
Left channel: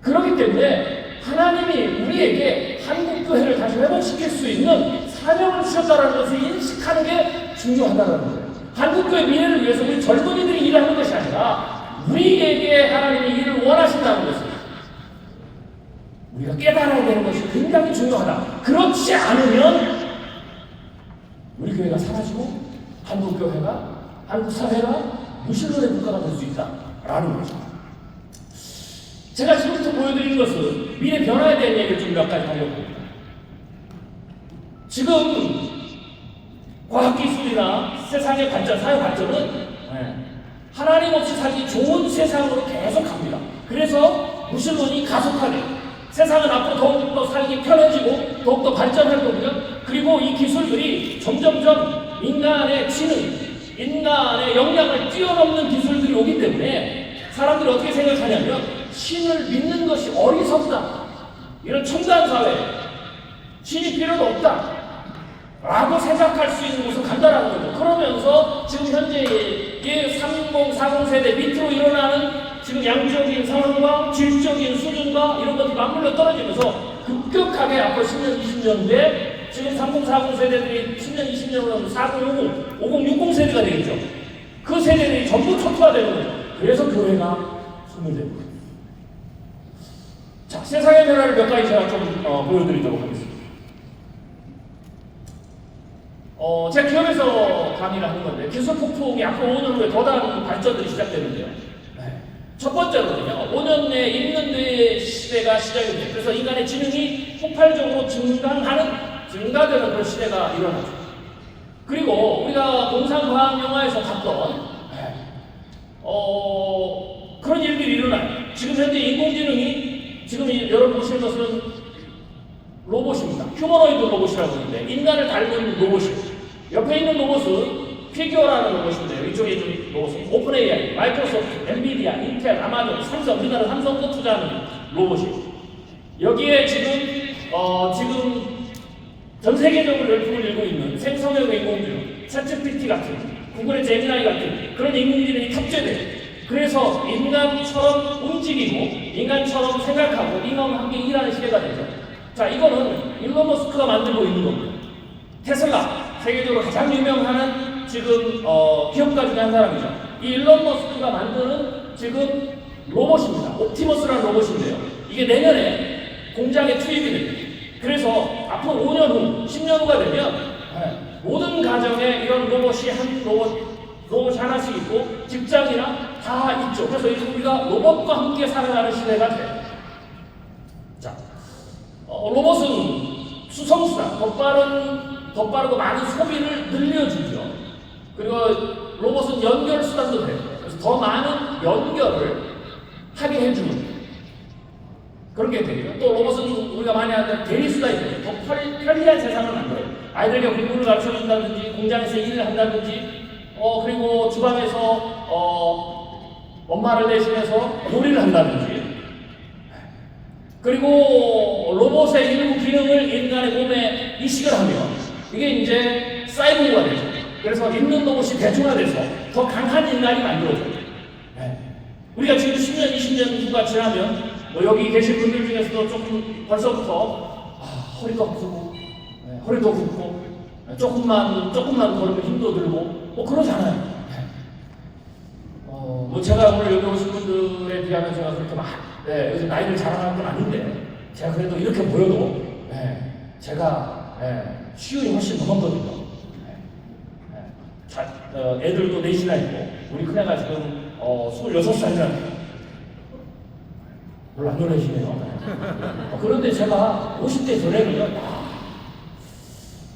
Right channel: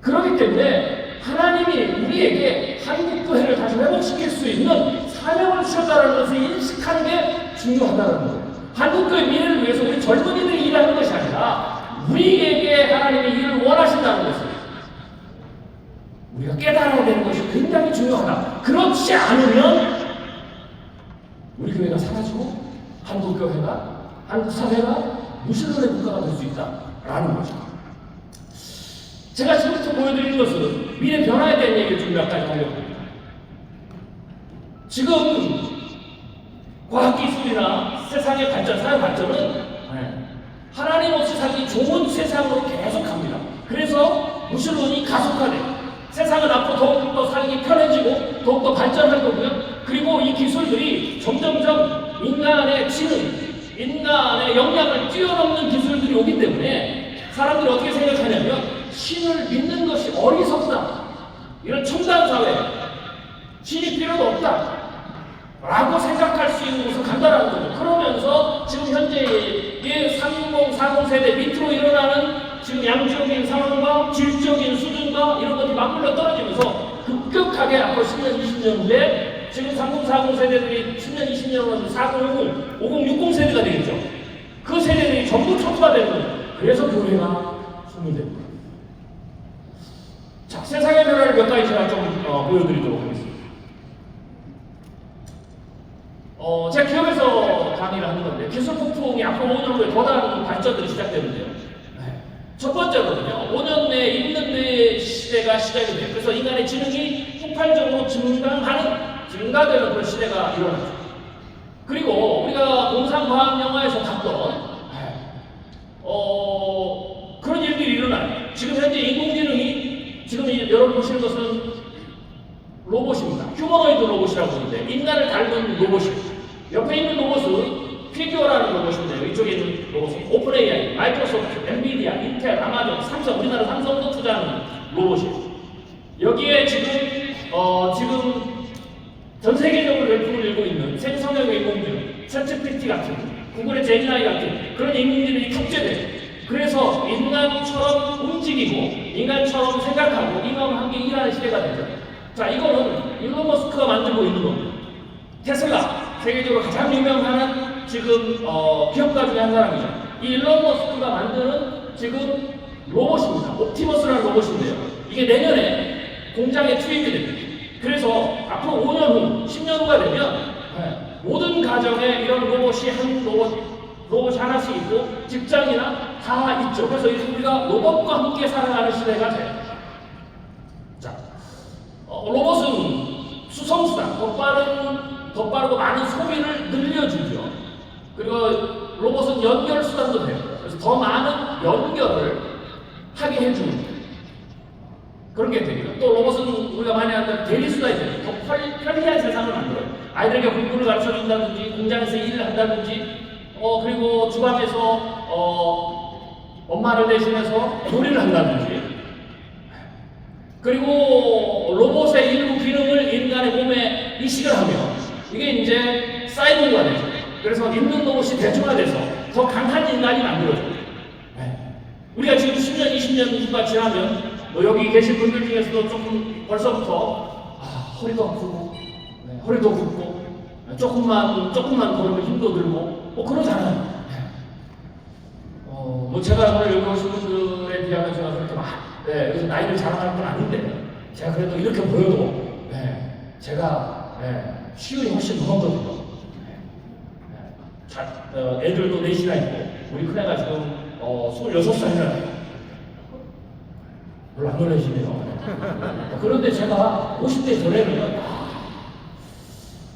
그렇기 때문에 하나님이 우리에게 한국교회를 다시 회복시킬 수 있는 사명을 주셨다는 것을 인식하는 게 중요하다는 거예요. 한국교회 미래를 위해서 우리 젊은이들이 일하는 것이 아니라 우리에게 하나님이 일을 원하신다는 것을 우리가 깨달아야 되는 것이 굉장히 중요하다. 그렇지 않으면 우리 교회가 사라지고 한국교회가, 한국사회가 무신론의 국가가 될 수 있다라는 거죠. 제가 지금부터 보여드리는 것은 미래 변화에 대한 얘기를 좀 몇 가지 하려고 합니다. 지금 과학기술이나 세상의 발전, 사회 발전은 하나님 없이 살기 좋은 세상으로 계속 갑니다. 그래서 무신론이 가속화돼요. 세상은 앞으로 더욱더 살기 편해지고 더욱더 발전할 거고요. 그리고 이 기술들이 점점점 인간의 지능, 인간의 역량을 뛰어넘는 기술들이 오기 때문에 사람들이 어떻게 생각하냐면 신을 믿는 것이 어리석다, 이런 첨단 사회, 신이 필요가 없다 라고 생각할 수 있는 것은 간단한 거죠. 그러면서 지금 현재의 30, 40 세대 밑으로 일어나는 지금 양적인 상황과 질적인 수준과 이런 것이 맞물려 떨어지면서 급격하게 앞으로 10년, 20년 후에 지금 30, 40 세대들이 10년, 20년 후에 40, 50, 60 세대가 되겠죠. 그 세대들이 전부 초토화되는 거예요. 그래서 교회가 소멸됩니다. 자, 세상의 변화를 몇 가지 제가 좀 보여드리도록 하겠습니다. 제가 기업에서 강의를 하는 건데, 기술 폭풍이 앞으로 5년 후에 더 다른 발전들이 시작되는데요. 첫 번째로는요, 5년 내에 인문대 시대가 시작이 돼요. 그래서 인간의 지능이 폭발적으로 증가되는 그런 시대가 일어나죠. 그리고 우리가 공상과학 영화에서 봤던 그런 일들이 일어나요. 지금 현재 인공지능이, 지금 여러분 보시는 것은 로봇입니다. 휴머노이드 로봇이라고 하는데, 인간을 닮은 로봇이에요. 옆에 있는 로봇은 피규어라는 로봇인데요. 이쪽에 있는 로봇은 오픈 AI, 마이크로소프트, 엔비디아, 인텔, 아마존, 삼성, 우리나라 삼성도 투자하는 로봇이에요. 여기에 지금 전 세계적으로 열풍을 일고 있는 생성형 인공지능, 챗GPT 같은, 구글의 제미나이 같은 그런 인공지능이 탑재돼요. 그래서 인간처럼 움직이고 인간처럼 생각하고 인간과 함께 일하는 시대가 되죠. 자, 이거는 일론 머스크가 만들고 있는 겁니다. 테슬라, 세계적으로 가장 유명한 지금 기업가 중에 한 사람이죠. 이 일론 머스크가 만드는 지금 로봇입니다. 옵티머스라는 로봇인데요. 이게 내년에 공장에 투입이 됩니다. 그래서 앞으로 5년 후, 10년 후가 되면 모든 가정에 이런 로봇이 하나씩 있고 직장이나 다 있죠. 그래서 우리가 로봇과 함께 살아가는 시대가 돼요. 자, 로봇은 수성수단, 더 빠르고 많은 소비를 늘려주죠. 그리고 로봇은 연결 수단도 돼요. 그래서 더 많은 연결을 하게 해줍니다. 그런 게 되고요. 또 로봇은 우리가 많이 하는 대리수단이 돼요. 더 편리한 세상을 만들어요. 아이들에게 공부를 가르쳐준다든지, 공장에서 일을 한다든지, 그리고 주방에서 엄마를 대신해서 요리를 한다든지, 그리고 로봇의 일부 기능을 인간의 몸에 이식을 하면 이게 이제 사이보그가 되죠. 그래서 있는 로봇이 대중화돼서 더 강한 인간이 만들어져요. 우리가 지금 10년, 20년 후가 지나면 여기 계신 분들 중에서도 조금 벌써부터 허리가 아프고 허리도 붓고 조금만 걸으면 힘도 들고 그러잖아요. 제가 오늘 여기 오신 분들에 비하면 제가 그렇게 막 요즘 나이를 자랑하는 건 아닌데 제가 그래도 이렇게 보여도 제가 시간이 훨씬 무겁거든요. 애들도 넷이나 있고 우리 큰애가 지금 26살이라네요. 별로 안 놀라시네요. 그런데 제가 50대 전에는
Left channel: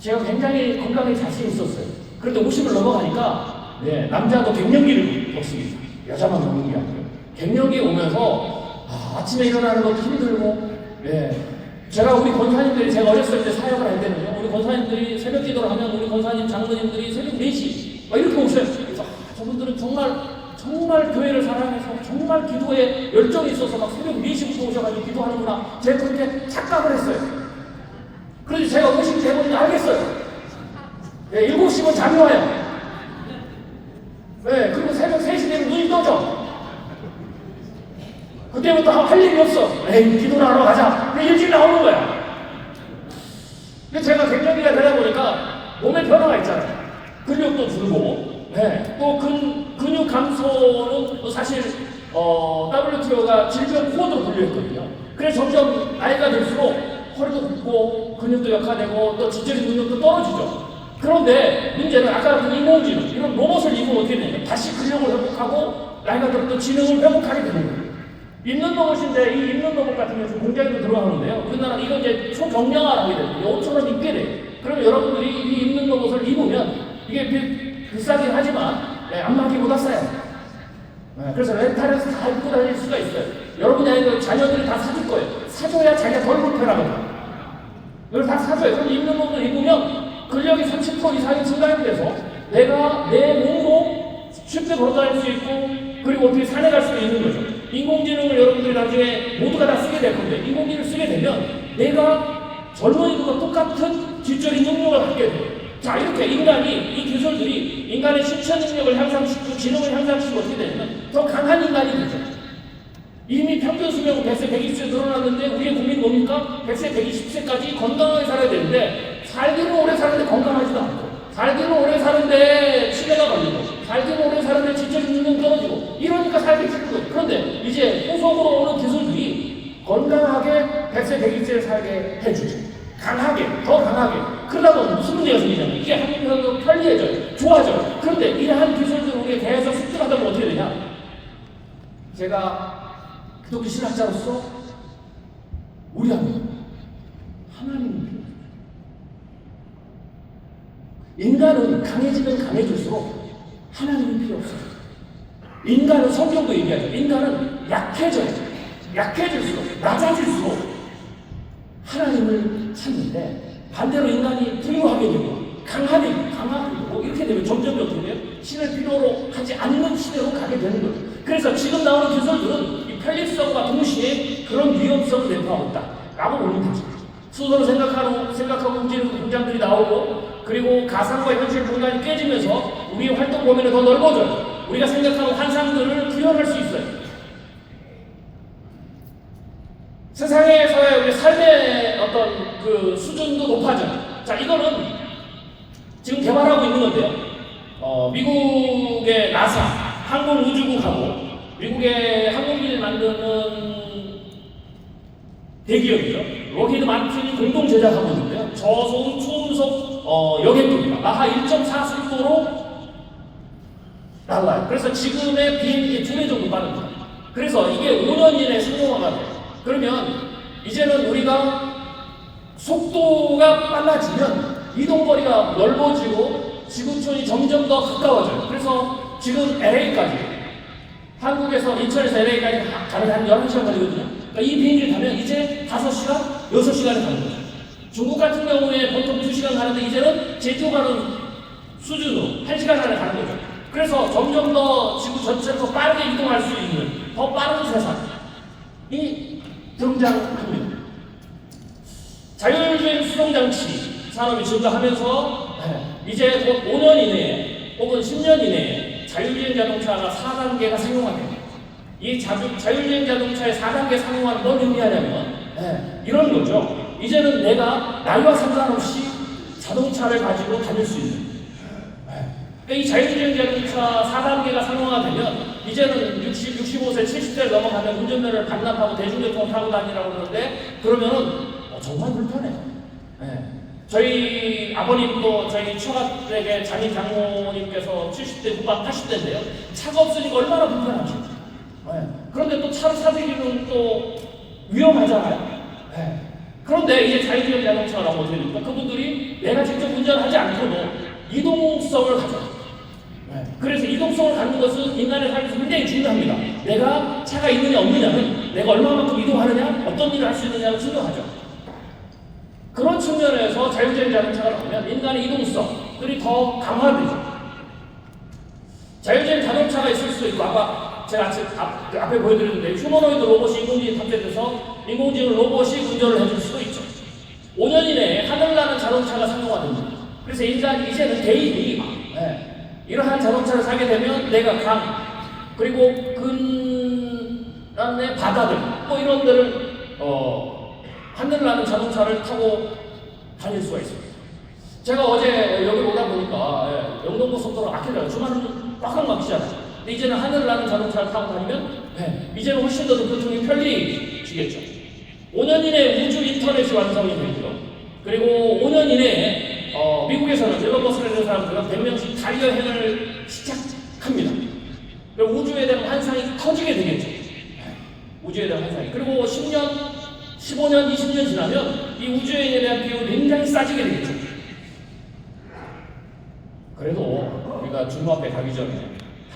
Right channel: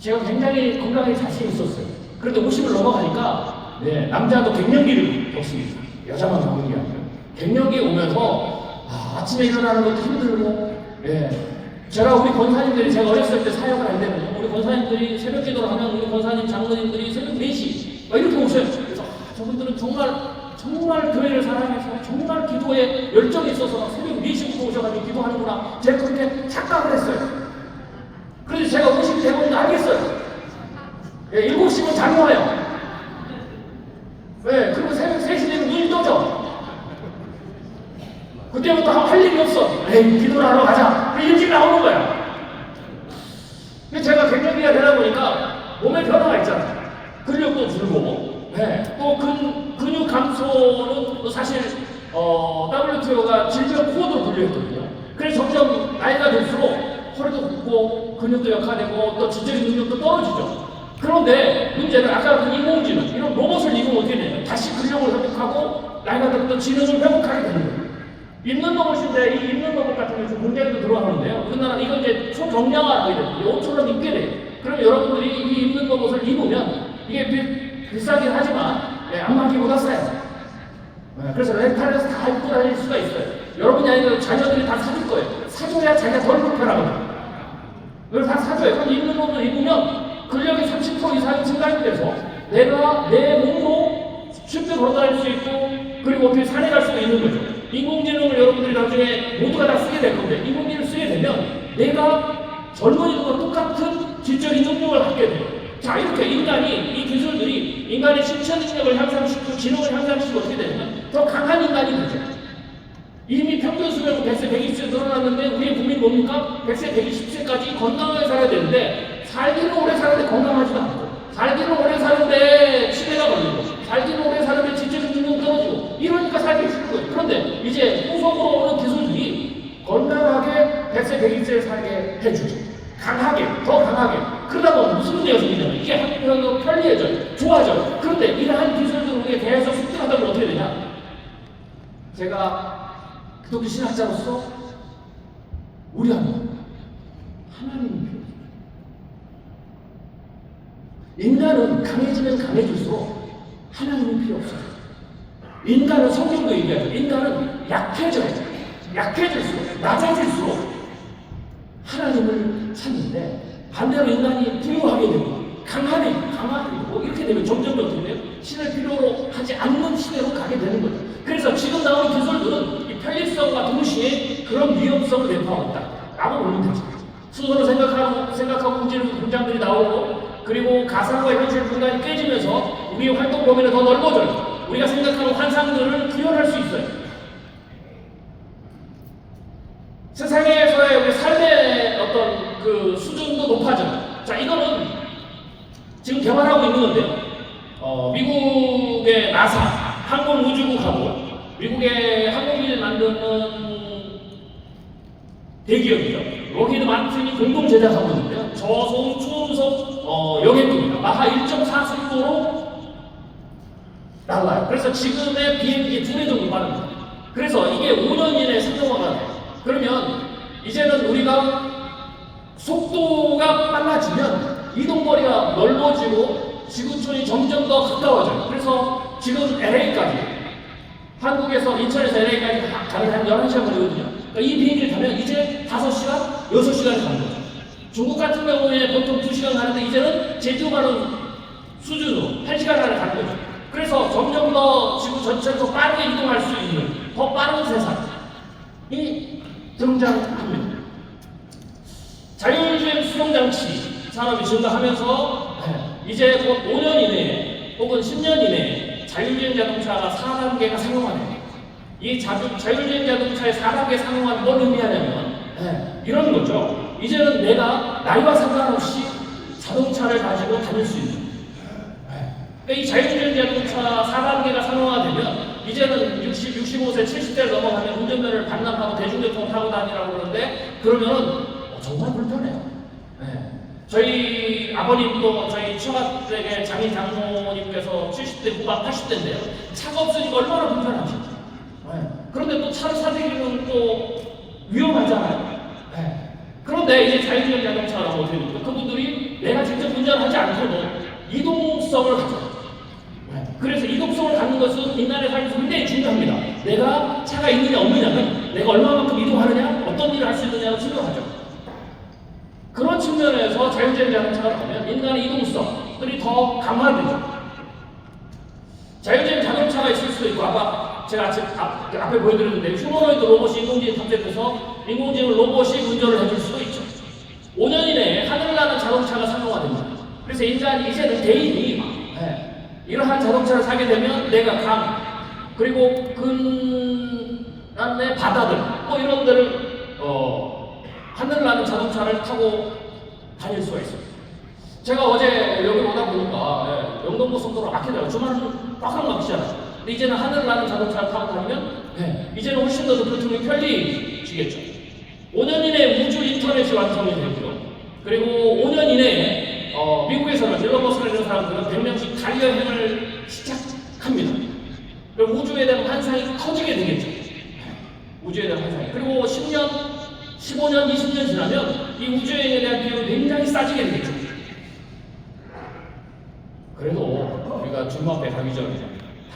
제가 굉장히 건강에 자신이 있었어요. 그런데 50을 넘어가니까 남자도 갱년기를 겪습니다. 여자만 갱년기 아니에요. 갱년기 오면서 아침에 일어나는 것도 힘들고 제가 우리 권사님들이 제가 어렸을 때 사역을 할 때는 우리 권사님들이 새벽 기도를 하면 우리 권사님 장로님들이 새벽 4시 이렇게 오셔요. 그래서 저분들은 정말 교회를 사랑해서 정말 기도에 열정이 있어서 막 새벽 4시부터 오셔가지고 기도하는구나 제가 그렇게 착각을 했어요. 그래서 제가 50 되면 알겠어요. 7시면 잠이 와요. 그리고 새벽 3시 되면 눈이 떠져. 그때부터 할 일이 없어. 기도를 하러 가자. 일찍 나오는 거야. 그래서 제가 갱년기가 되다 보니까 몸에 변화가 있잖아요. 근력도 줄고, 또 근육 감소는 또 사실 WTO가 질병 코어도 분류했거든요. 그래서 점점 나이가 들수록 허리도 붓고 근육도 약화되고 또 지적인 능력도 떨어지죠. 그런데 문제는 아까 그 인공지능 이런 로봇을 입으면 어떻게 돼요? 다시 근력을 회복하고 나이가 들면 또 지능을 회복하게 되는 거예요. 입는 로봇인데 이 입는 로봇 같은 경우 공장도 들어가는데요. 우리나라 이거 이제 초경량화를 하게 돼요. 5,000원 입게 돼요. 그럼 여러분들이 이 입는 로봇을 입으면 이게 비싸긴 하지만 안마기보다 싸요. 그래서 렌탈에서 다 입고 다닐 수가 있어요. 여러분이 아니면 자녀들이 다 사줄 거예요. 사줘야 자기가 덜 불편하거든요. 그걸 다 사줘요. 그럼 입는 로봇을 입으면 근력이 30% 이상이 증가이 돼서 내가 내 몸으로 쉽게 걸어다닐 수 있고 그리고 어떻게 산에 갈 수 있는 거죠. 인공지능을 여러분들이 나중에 모두가 다 쓰게 될 건데 인공지능을 쓰게 되면 내가 젊은이들과 똑같은 지적인 능력을 갖게 돼요. 자, 이렇게 인간이 이 기술들이 인간의 신체 능력을 향상시키고 지능을 향상시키고 어떻게 되냐면 더 강한 인간이 되죠. 이미 평균 수명은 100세, 120세 늘어났는데 우리의 국민 뭡니까? 100세, 120세까지 건강하게 살아야 되는데 살기는 오래 사는데 건강하지도 않고 살기는 오래 사는데 치매가 걸리고 살기는 오래 사는데 지적인 능력 떨어지고 이러니까 살기 힘든 거예요. 그런데 이제 후속으로 오는 기술들이 건강하게 100세, 120세 살게 해주죠. 강하게, 더 강하게. 그러다 보면 무슨 문제가 생기냐면 이게 한편으로 편리해져요. 좋아져요. 그런데 이러한 기술도 우리에 대해서 습득하다 보면 어떻게 되냐? 제가 기독교 신학자로서 우리 하나님이 필요해요. 인간은 강해지면 강해질수록 하나님이 필요 없어요. 인간은 성경도 얘기하죠. 인간은 약해져요. 약해질수록, 낮아질수록 하나님을 찾는데 반대로 인간이 부유하게 되고 강하게 되고 이렇게 되면 점점 어떻게 돼요? 신을 필요로 하지 않는 시대로 가게 되는 거죠. 그래서 지금 나오는 기술들은 이 편리성과 동시에 그런 위험성을 내포하고 있다. 라고 보면 되죠. 스스로 생각하고 움직이는 공장들이 나오고 그리고 가상과 현실 공간이 깨지면서 우리의 활동 범위는 더 넓어져요. 우리가 생각하는 환상들을 구현할 수 있어요. 세상에서의 우리 삶의 어떤 그 수준도 높아져요. 자, 이거는 지금 개발하고 있는 건데, 미국의 나사, 항공우주국하고 미국의 항공기를 만드는 대기업이죠. 로키드 마틴이 공동 제작하고 있는데요. 저소음 초음속 여객기입니다. 마하 1.4속도로 날아요. 그래서 지금의 비행기 2배 정도 빠른 거예요. 그래서 이게 5년 이내에 성공하게 돼요. 그러면 이제는 우리가 속도가 빨라지면 이동거리가 넓어지고 지구촌이 점점 더 가까워져요. 그래서 지금 LA까지 한국에서 인천에서 LA까지 가는 한 11시간 걸리거든요. 그러니까 이 비행기를 타면 이제 5시간, 6시간이 가는 거죠. 중국 같은 경우에 보통 2시간 가는데 이제는 제주 가는 수준으로 1시간 안에 가는 거죠. 전체도 빠르게 이동할 수 있는 더 빠른 세상이 등장합니다. 자율주행 수송장치 산업이 증가하면서 이제 곧 5년 이내에 혹은 10년 이내에 자율주행 자동차가 4단계가 상용화됩니다. 이 자율주행 자동차의 4단계 상용화는 뭘 의미하냐면 이런 거죠. 이제는 내가 나이와 상관없이 자동차를 가지고 다닐 수 있는, 그러니까 이 자율주행 자동차 4단계가 상용화되면 이제는 65세, 70세를 넘어가면 운전면허를 반납하고 대중교통 타고 다니라고 그러는데 그러면은 정말 불편해요. 저희 아버님도 저희 처갓댁의 장인 장모님께서 70대 후반 80대인데요. 차가 없으니까 얼마나 불편하죠. 그런데 또 차를 사들이면 또 위험하잖아요. 그런데 이제 자율주행 자동차가 나오게 되니까 그분들이 내가 직접 운전하지 않고도 이동성을 가져. 그래서 이동성을 갖는 것은 인간의 삶에서 굉장히 중요합니다. 내가 차가 있느냐 없느냐는 내가 얼마만큼 이동하느냐, 어떤 일을 할 수 있느냐를 중요하죠. 그런 측면에서 자율주행 자동차가 나오면 인간의 이동성들이 더 강화되죠. 자율주행 자동차가 있을 수도 있고, 아까 제가 앞에 보여드렸는데 휴머노이드 로봇이 인공지능에 탑재돼서 인공지능 로봇이 운전을 해줄 수도 있죠. 5년 이내에 하늘나는 자동차가 상용화됩니다. 그래서 인간이 이제는 개인이 이러한 자동차를 사게 되면 내가 강, 그리고 그다음에 바다들, 뭐 이런 데를 하늘나는 자동차를 타고 다닐 수가 있습니다. 제가 어제 여기 오다 보니까 영동고속도로 막히더라고요. 주말은 꽉꽉 막히잖아요. 근데 이제는 하늘나는 자동차를 타고 다니면 이제는 훨씬 더 교통이 편리해지겠죠. 5년 이내에 우주 인터넷이 완성이 되고요. 그리고 5년 이내에 미국에서는 일론 머스크라는 사람들은 100명씩 자유여행을 시작합니다. 그리고 우주에 대한 환상이 커지게 되겠죠. 우주에 대한 환상이. 그리고 10년, 15년, 20년 지나면 이 우주여행에 대한 비용이 굉장히 싸지게 되겠죠. 그래도 우리가 중국앞에 가기 전에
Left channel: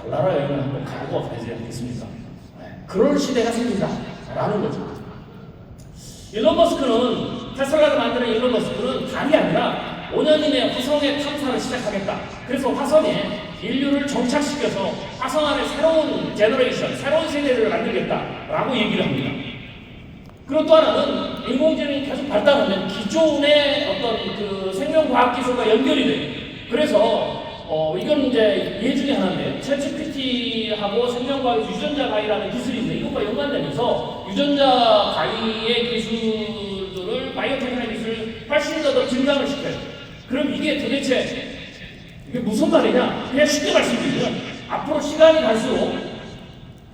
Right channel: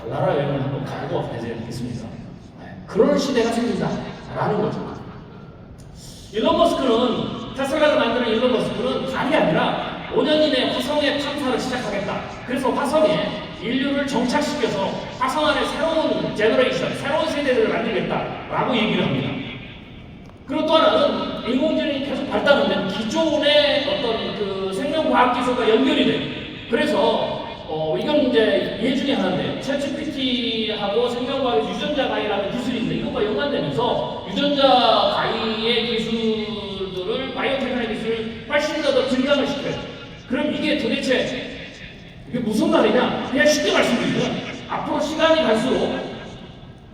달나라 여행을 한번 가고 가야 되겠습니다. 그런 시대가 생긴다라는 거죠. 일론 머스크는, 테슬라가 만드는 일론 머스크는 달이 아니라 5년 이내에 화성의 탐사를 시작하겠다. 그래서 화성에 인류를 정착시켜서 화성 안에 새로운 제너레이션, 새로운 세대를 만들겠다라고 얘기를 합니다. 그리고 또 하나는 인공지능이 계속 발달하면 기존의 어떤 그 생명과학 기술과 연결이 돼요. 그래서 이건 이제 예 중에 하나인데 챗GPT하고 생명과학에서 유전자 가위라는 기술이 있는데 이것과 연관되면서 유전자 가위의 기술들을 바이오테크놀로지 기술을 훨씬 더 증강을 시켜요. 그럼 이게 도대체 이게 무슨 말이냐? 그냥 쉽게 말씀드리면 앞으로 시간이 갈수록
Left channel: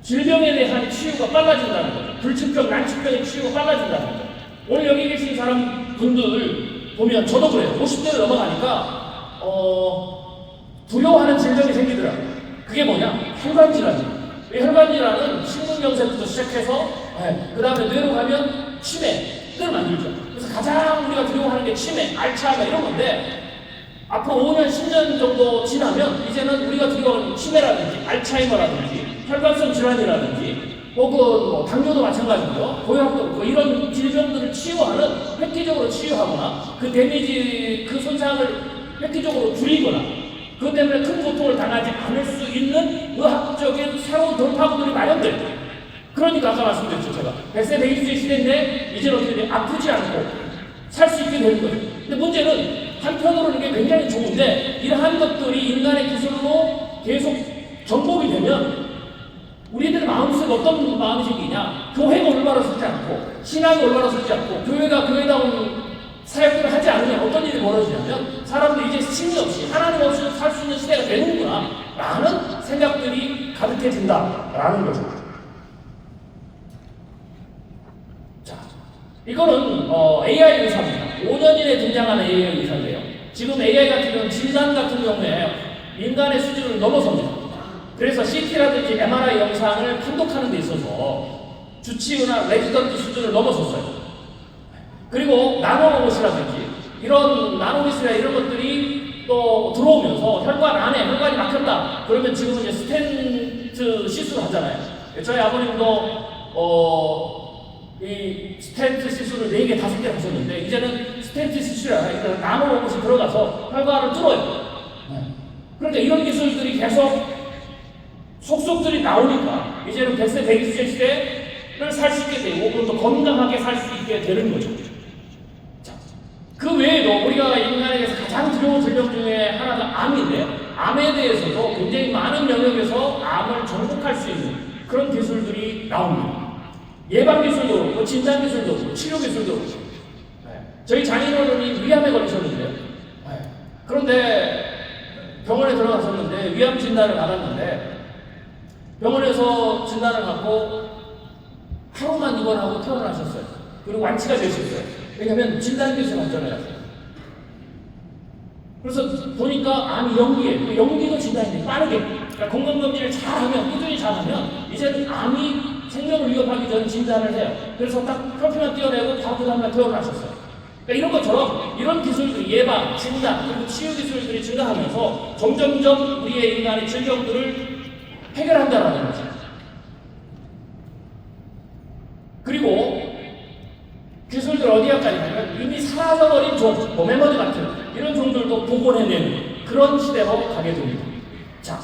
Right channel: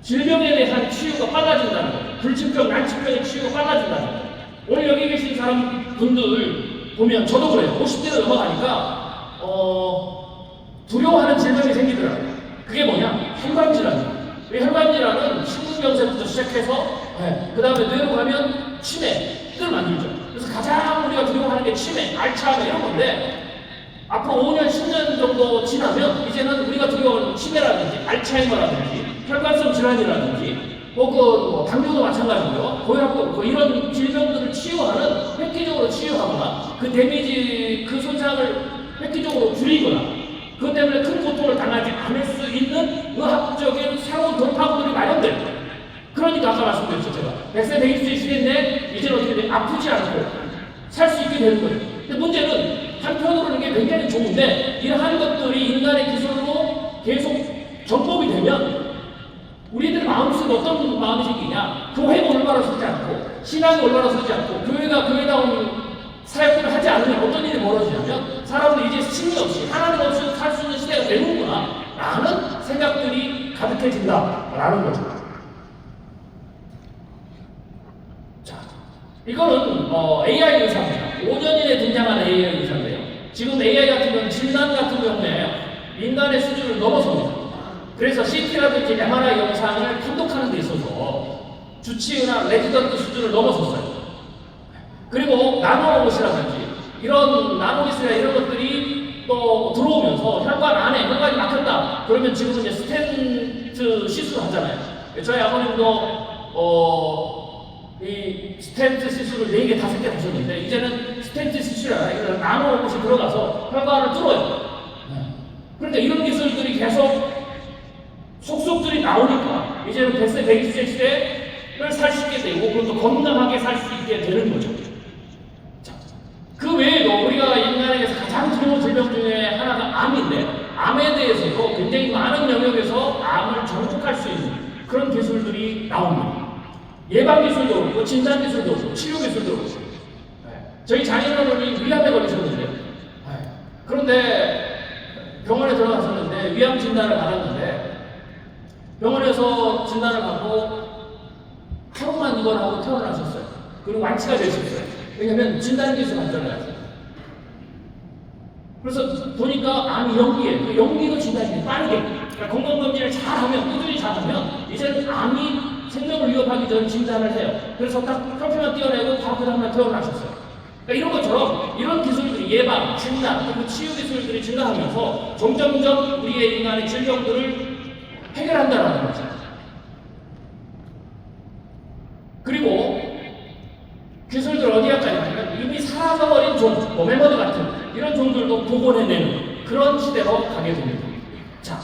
질병에 대한 치유가 빨라진다는 거예요. 불치병, 난치병의 치유가 빨라진다는 거예요. 오늘 여기 계신 사람 분들 보면 저도 그래요. 50대를 넘어가니까 두려워하는 질병이 생기더라고요. 그게 뭐냐? 혈관질환이에요. 혈관질환은 심근경색부터 시작해서 그 다음에 뇌로 가면 치매를 만들죠. 그래서 가장 우리가 두려워하는 게 치매, 알츠하이머 이런 건데 앞으로 5년, 10년 정도 지나면 이제는 우리가 두려워하는 치매라든지 알츠하이머라든지 혈관성 질환이라든지 혹은 뭐 당뇨도 마찬가지고요. 고혈압도 이런 질병들을 치유하는, 획기적으로 치유하거나 그 데미지, 그 손상을 획기적으로 줄이거나 그것 때문에 큰 고통을 당하지 않을 수 있는 의학적인 새로운 돌파구들이 마련돼요. 그러니까 아까 말씀드렸죠. 제가 100세 120세 시대인데 이제는 어떻게 돼? 아프지 않고 살 수 있게 되는 거예요. 근데 문제는 한편으로는 이게 굉장히 좋은데 이러한 것들이 인간의 기술로 계속 접목이 되면 우리들 마음속에 어떤 마음이 생기냐? 교회가 올바로 서지 않고 신앙이 올바로 서지 않고 교회가 교회다운 사역을 하지 않으면 어떤 일이 벌어지냐면 사람들이 이제 신이 없이 하나님 없이 살 수 있는 시대가 되는구나 라는 생각들이 가득해진다라는 거죠. 자, 이거는 AI 의사입니다. 5년 이내에 등장하는 AI 의사인데요. 지금 AI 같은 경우는 진단 같은 경우에 인간의 수준을 넘어섭니다. 그래서 CT라든지 MRI 영상을 판독하는 데 있어서 주치의나 레지던트 수준을 넘어섰어요. 그리고 나노로봇이라든지 이런 나노기술이나 이런 것들이 또 들어오면서 혈관 안에 혈관이 막혔다. 그러면 지금 이제 스텐트 시술 하잖아요. 저희 아버님도 이 스텐트 시술을 4개, 5개 하셨는데 이제는 스텐트 시술이나 나노로봇이 들어가서 혈관을 뚫어요. 그러니까 이런 기술들이 계속 속속들이 나오니까 이제는 100세, 120세 시대를 살 수 있게 되고 그리고 또 건강하게 살 수 있게 되는 거죠. 자, 그 외에도 우리가 인간에게서 가장 두려운 질병 중에 하나가 암인데 암에 대해서도 굉장히 많은 영역에서 암을 정복할 수 있는 그런 기술들이 나옵니다. 예방 기술도 그렇고 진단 기술도 그렇고 치료 기술도 그렇고 저희 장인어른이 위암에 걸리셨는데요. 그런데 병원에 들어가셨는데 위암 진단을 받았는데 병원에서 진단을 받고 하루만 입원하고 퇴원하셨어요. 그리고 완치가 되셨어요. 왜냐하면 진단 기술 맞잖아요. 그래서 보니까 암이 연기에 연기도 진단이 빠르게 그러니까 건강검진을 잘하면 꾸준히 잘하면 이제는 암이 생명을 위협하기 전에 진단을 해요. 그래서 딱 커피만 띄어내고 바로 그 다음날 퇴원하셨어요. 그러니까 이런 것처럼 이런 기술들이 예방, 진단, 그리고 치유 기술들이 증가하면서 점점점 우리의 인간의 질병들을 해결한다는 거죠. 그리고 기술들 어디까지 가면 이미 사라져버린 종, 메모리 같은 이런 종들도 복원해내는 그런 시대로 가게 됩니다. 자,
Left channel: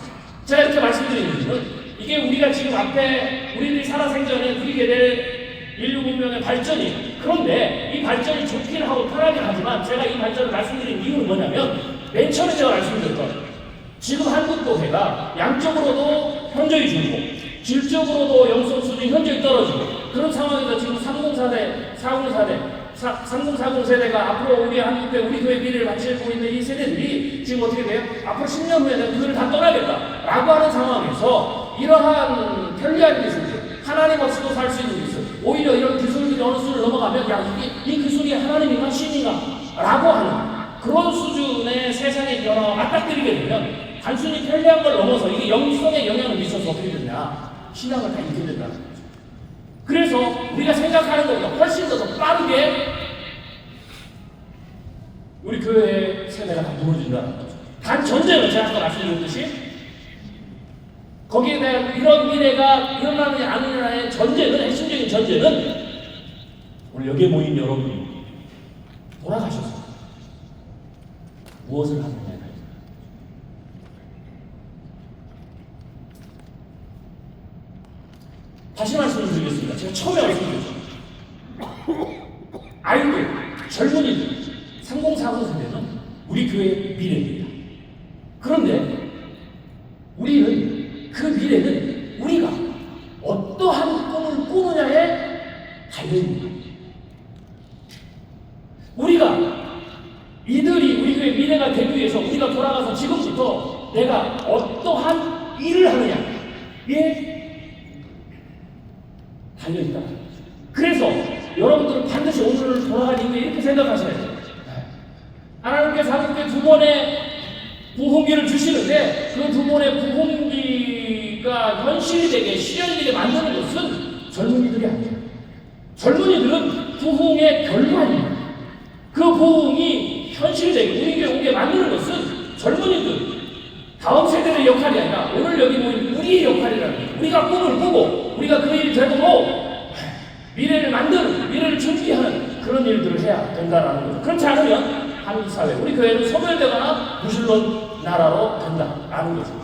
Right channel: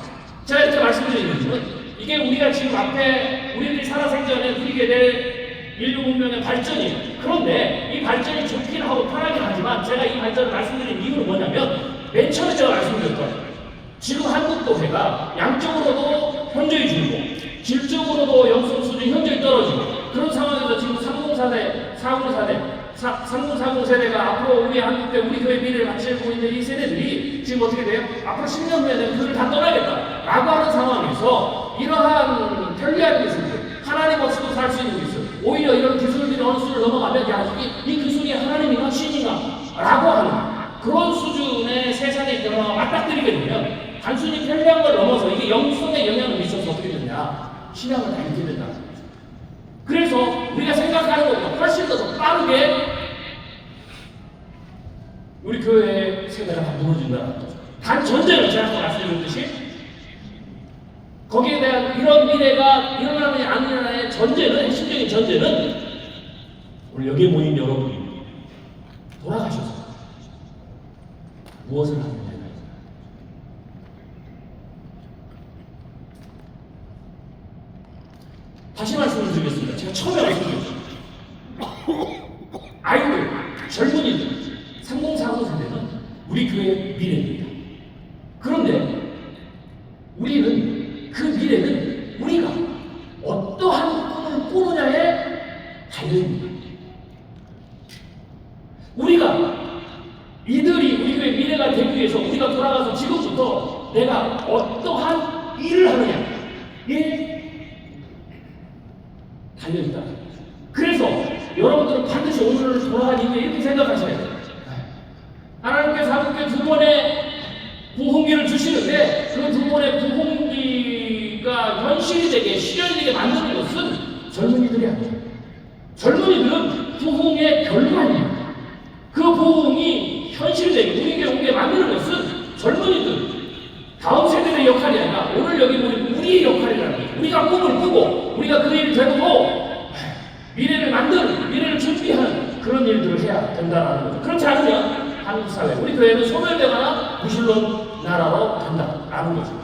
제가 이렇게 말씀드리는 것은 이게 우리가 지금 앞에 우리들이 살아생전에 누리게 될 인류 문명의 발전이에요. 그런데 이 발전이 좋긴 하고 편하긴 하지만 제가 이 발전을 말씀드린 이유는 뭐냐면 맨 처음에 제가 말씀드렸던 지금 한국도회가 양적으로도 현저히 줄고 질적으로도 영성 수준이 현저히 떨어지고 그런 상황에서 지금 3040세대, 3040 세대가 앞으로 우리 한국대 우리 교회 미래를 맞추고 있는 이 세대들이 지금 어떻게 돼요? 앞으로 10년 뒤에는 그를 다 떠나겠다라고 하는 상황에서 이러한 편리한 기술들 하나님 없이도 살 수 있는 기술 오히려 이런 기술들이 어느 수를 넘어가면 야, 이 기술이 하나님인가 신인가 라고 하는 그런 수준의 세상의 변화가 맞닥뜨리게 되면 단순히 편리한 걸 넘어서 이게 영성에 영향을 미쳐서 어떻게 되냐 신앙을 다 잃게 된다는 거죠. 그래서 우리가 생각하는 것보다 훨씬 더 빠르게 우리 교회의 세대가 다 무너진다는 거죠. 단 전제는 제가 아까 말씀드렸듯이 거기에 대한 이런 미래가 일어나느냐 안 일어나느냐의 전제는 핵심적인 전제는 우리 여기에 모인 여러분이 돌아가셔서 무엇을 하느냐가 다시 말씀을 드리겠습니다. 제가 처음에 말씀드렸죠. 아이들, 젊은이들, 3040 세대는 우리 교회의 미래입니다. 그런데 우리는 그 미래는 우리가 어떠한 꿈을 꾸느냐에 달려있습니다. 우리가 이들이 우리 교회 미래가 되기 위해서 우리가 돌아가서 지금부터 내가 어떠한 일을 하느냐에 달려있다. 그래서 여러분들은 반드시 오늘 돌아갈 이후에 이렇게 생각하셔야 돼요. 하나님께서 한국에 두 번의 부흥기를 주시는데 그 두 번의 부흥기가 현실이 되게 실현되게 만드는 것은 젊은이들이 아니에요. 젊은이들은 부흥의 결과입니다. 그 부흥이 현실되게 우리에게 오게 만드는 것은 젊은이들 다음 세대의 역할이 아니라 오늘 여기 모인 우리의 역할이라는 거예요. 우리가 꿈을 꾸고 우리가 그 일을 되도록 미래를 만드는, 미래를 준비하는 그런 일들을 해야 된다는 거죠. 그렇지 않으면 한국 사회, 우리 교회는 소멸되거나 부실론 나라로 된다라는 거죠.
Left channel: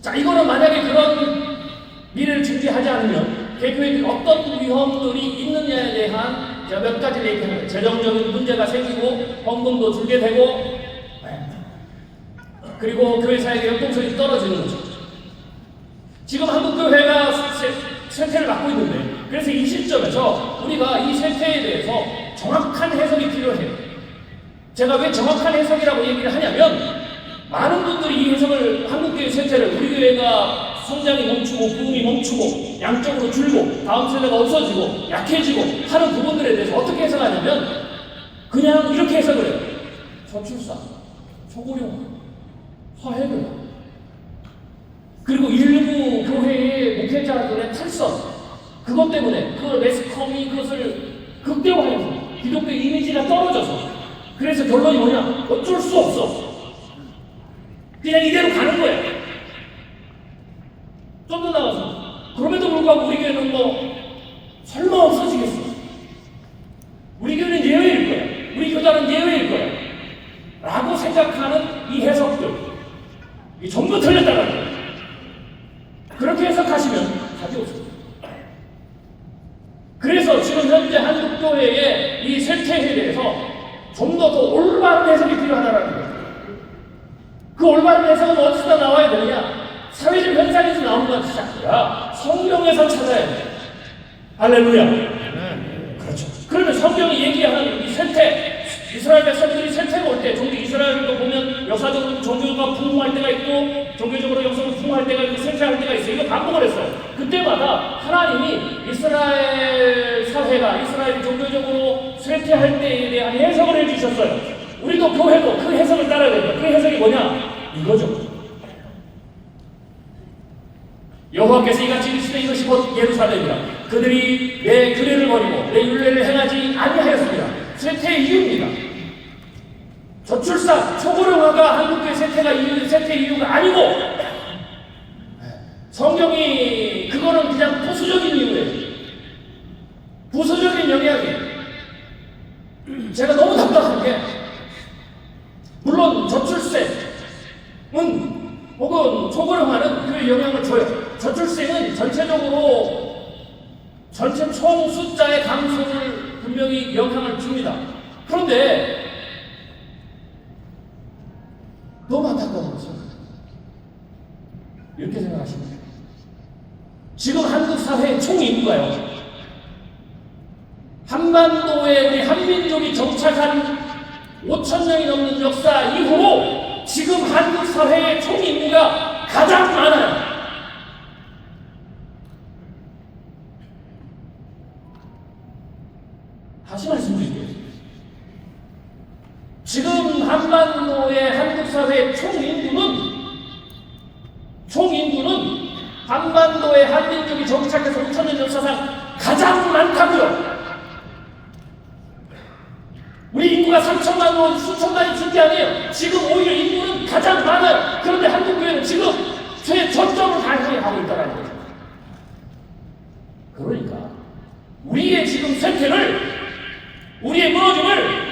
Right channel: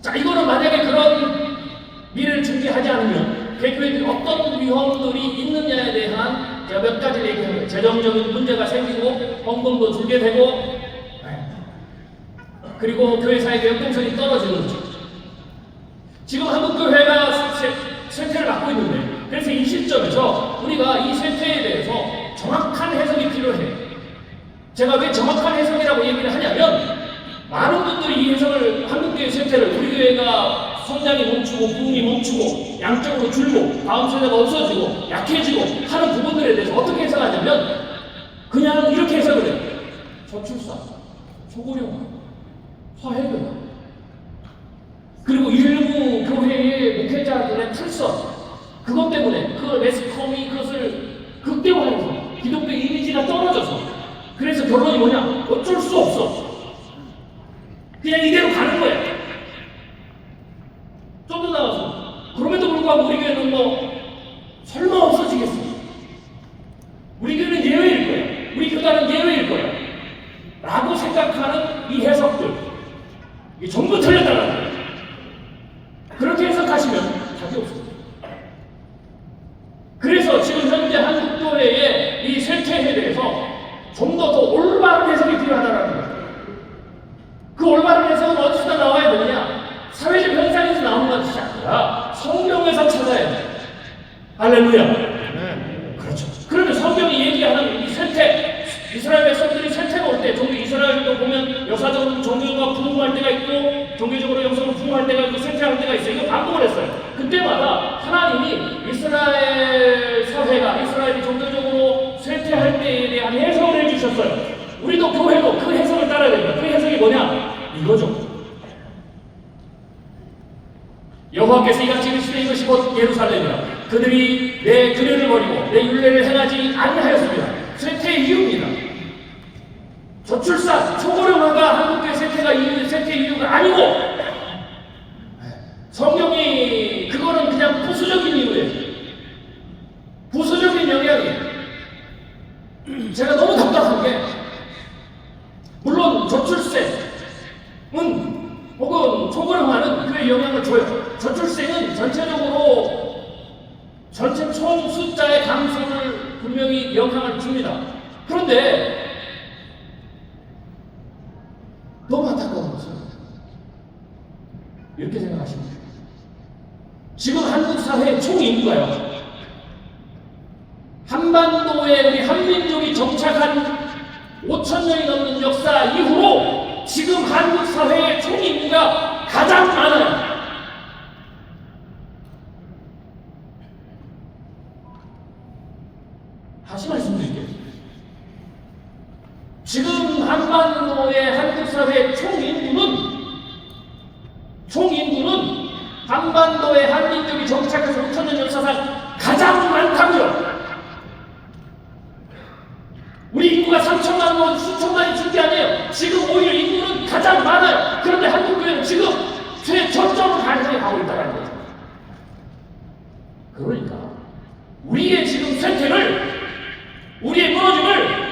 자, 이거는 만약에 그런 미래를 준비하지 않으면 개교회들이 어떤 위험들이 있느냐에 대한 제가 몇 가지 얘기합니다. 재정적인 문제가 생기고 헌금도 줄게 되고 그리고 교회 사회의 연동성이 떨어지는 거죠. 지금 한국교회가 쇠퇴를 맡고 있는데 그래서 이 시점에서 우리가 이 쇠퇴에 대해서 정확한 해석이 필요해요. 제가 왜 정확한 해석이라고 얘기를 하냐면 많은 분들이 이 해석을 한국교회 쇠퇴를 우리 교회가 성장이 멈추고 부흥이 멈추고 양적으로 줄고 다음 세대가 없어지고 약해지고 하는 부분들에 대해서 어떻게 해석하냐면 그냥 이렇게 해석을 해요. 저출산, 소고령, 화해금 그리고 일부 교회의 목회자들의 특성 그것 때문에 그 매스컴이 그것을 극대화해서 기독교 이미지가 떨어져서 그래서 결론이 뭐냐 어쩔 수 없어 그냥 이대로 가는 거야. 좀 더 나가서 그럼에도 불구하고 우리 교회는 뭐 설마 없어지겠어. 우리 교회는 예외일 거야. 우리 교단은 예외일 거야 라고 생각하는 이 해석들 이게 전부 틀렸다는 거예요. 할렐루야. 그렇죠. 그러면 성경이 얘기하는 이 쇠퇴, 이스라엘 백성들이 쇠퇴가 올 때, 이스라엘도 보면 여사적 종교가 부흥할 때가 있고 종교적으로 여성을 부흥할 때가 있고 쇠퇴할 때가 있어요. 이거 반복을 했어요. 그때마다 하나님이 이스라엘 사회가 이스라엘이 종교적으로 쇠퇴할 때에 대한 해석을 해주셨어요. 우리도 교회도 그 해석을 따라야 돼요. 그 해석이 뭐냐? 이거죠. 여호와께서 이같이 이르시되 이것이 곧 예루살렘이라. 그들이 내 규례를 버리고 내 율례를 행하지 아니하였습니다. 쇠퇴의 이유입니다. 저출산, 초고령화가 한국교회 쇠퇴의 이유가 아니고 성경이 그거는 그냥 부수적인 이유예요. 부수적인 영역이에요. 제가 너무 답답한 게 물론 저출생은 혹은 초고령화는 그의 영향을 줘요. 저출생은 전체적으로 전체 총 숫자의 감소를 분명히 영향을 줍니다. 그런데 너무 안타까운 것은 이렇게 생각하십니다. 지금 한국 사회의 총 인구가요, 한반도에 우리 한민족이 정착한 5,000년이 넘는 역사 이후로 지금 한국 사회의 총 인구가 가장 많아요. 다시 말씀드릴게요. 지금 한반도의 한국 사회의 총 인구는 한반도의 한민족이 정착해서 5,000년 역사상 가장 많다고요. 우리 인구가 3천만 원, 수천만이 준 게 아니에요. 지금 오히려 인구는 가장 많아요. 그런데 한국교회는 지금 최저점 발전에 가고 있다는 거죠. 그러니까 우리의 지금 쇠퇴를, 우리의 무너짐을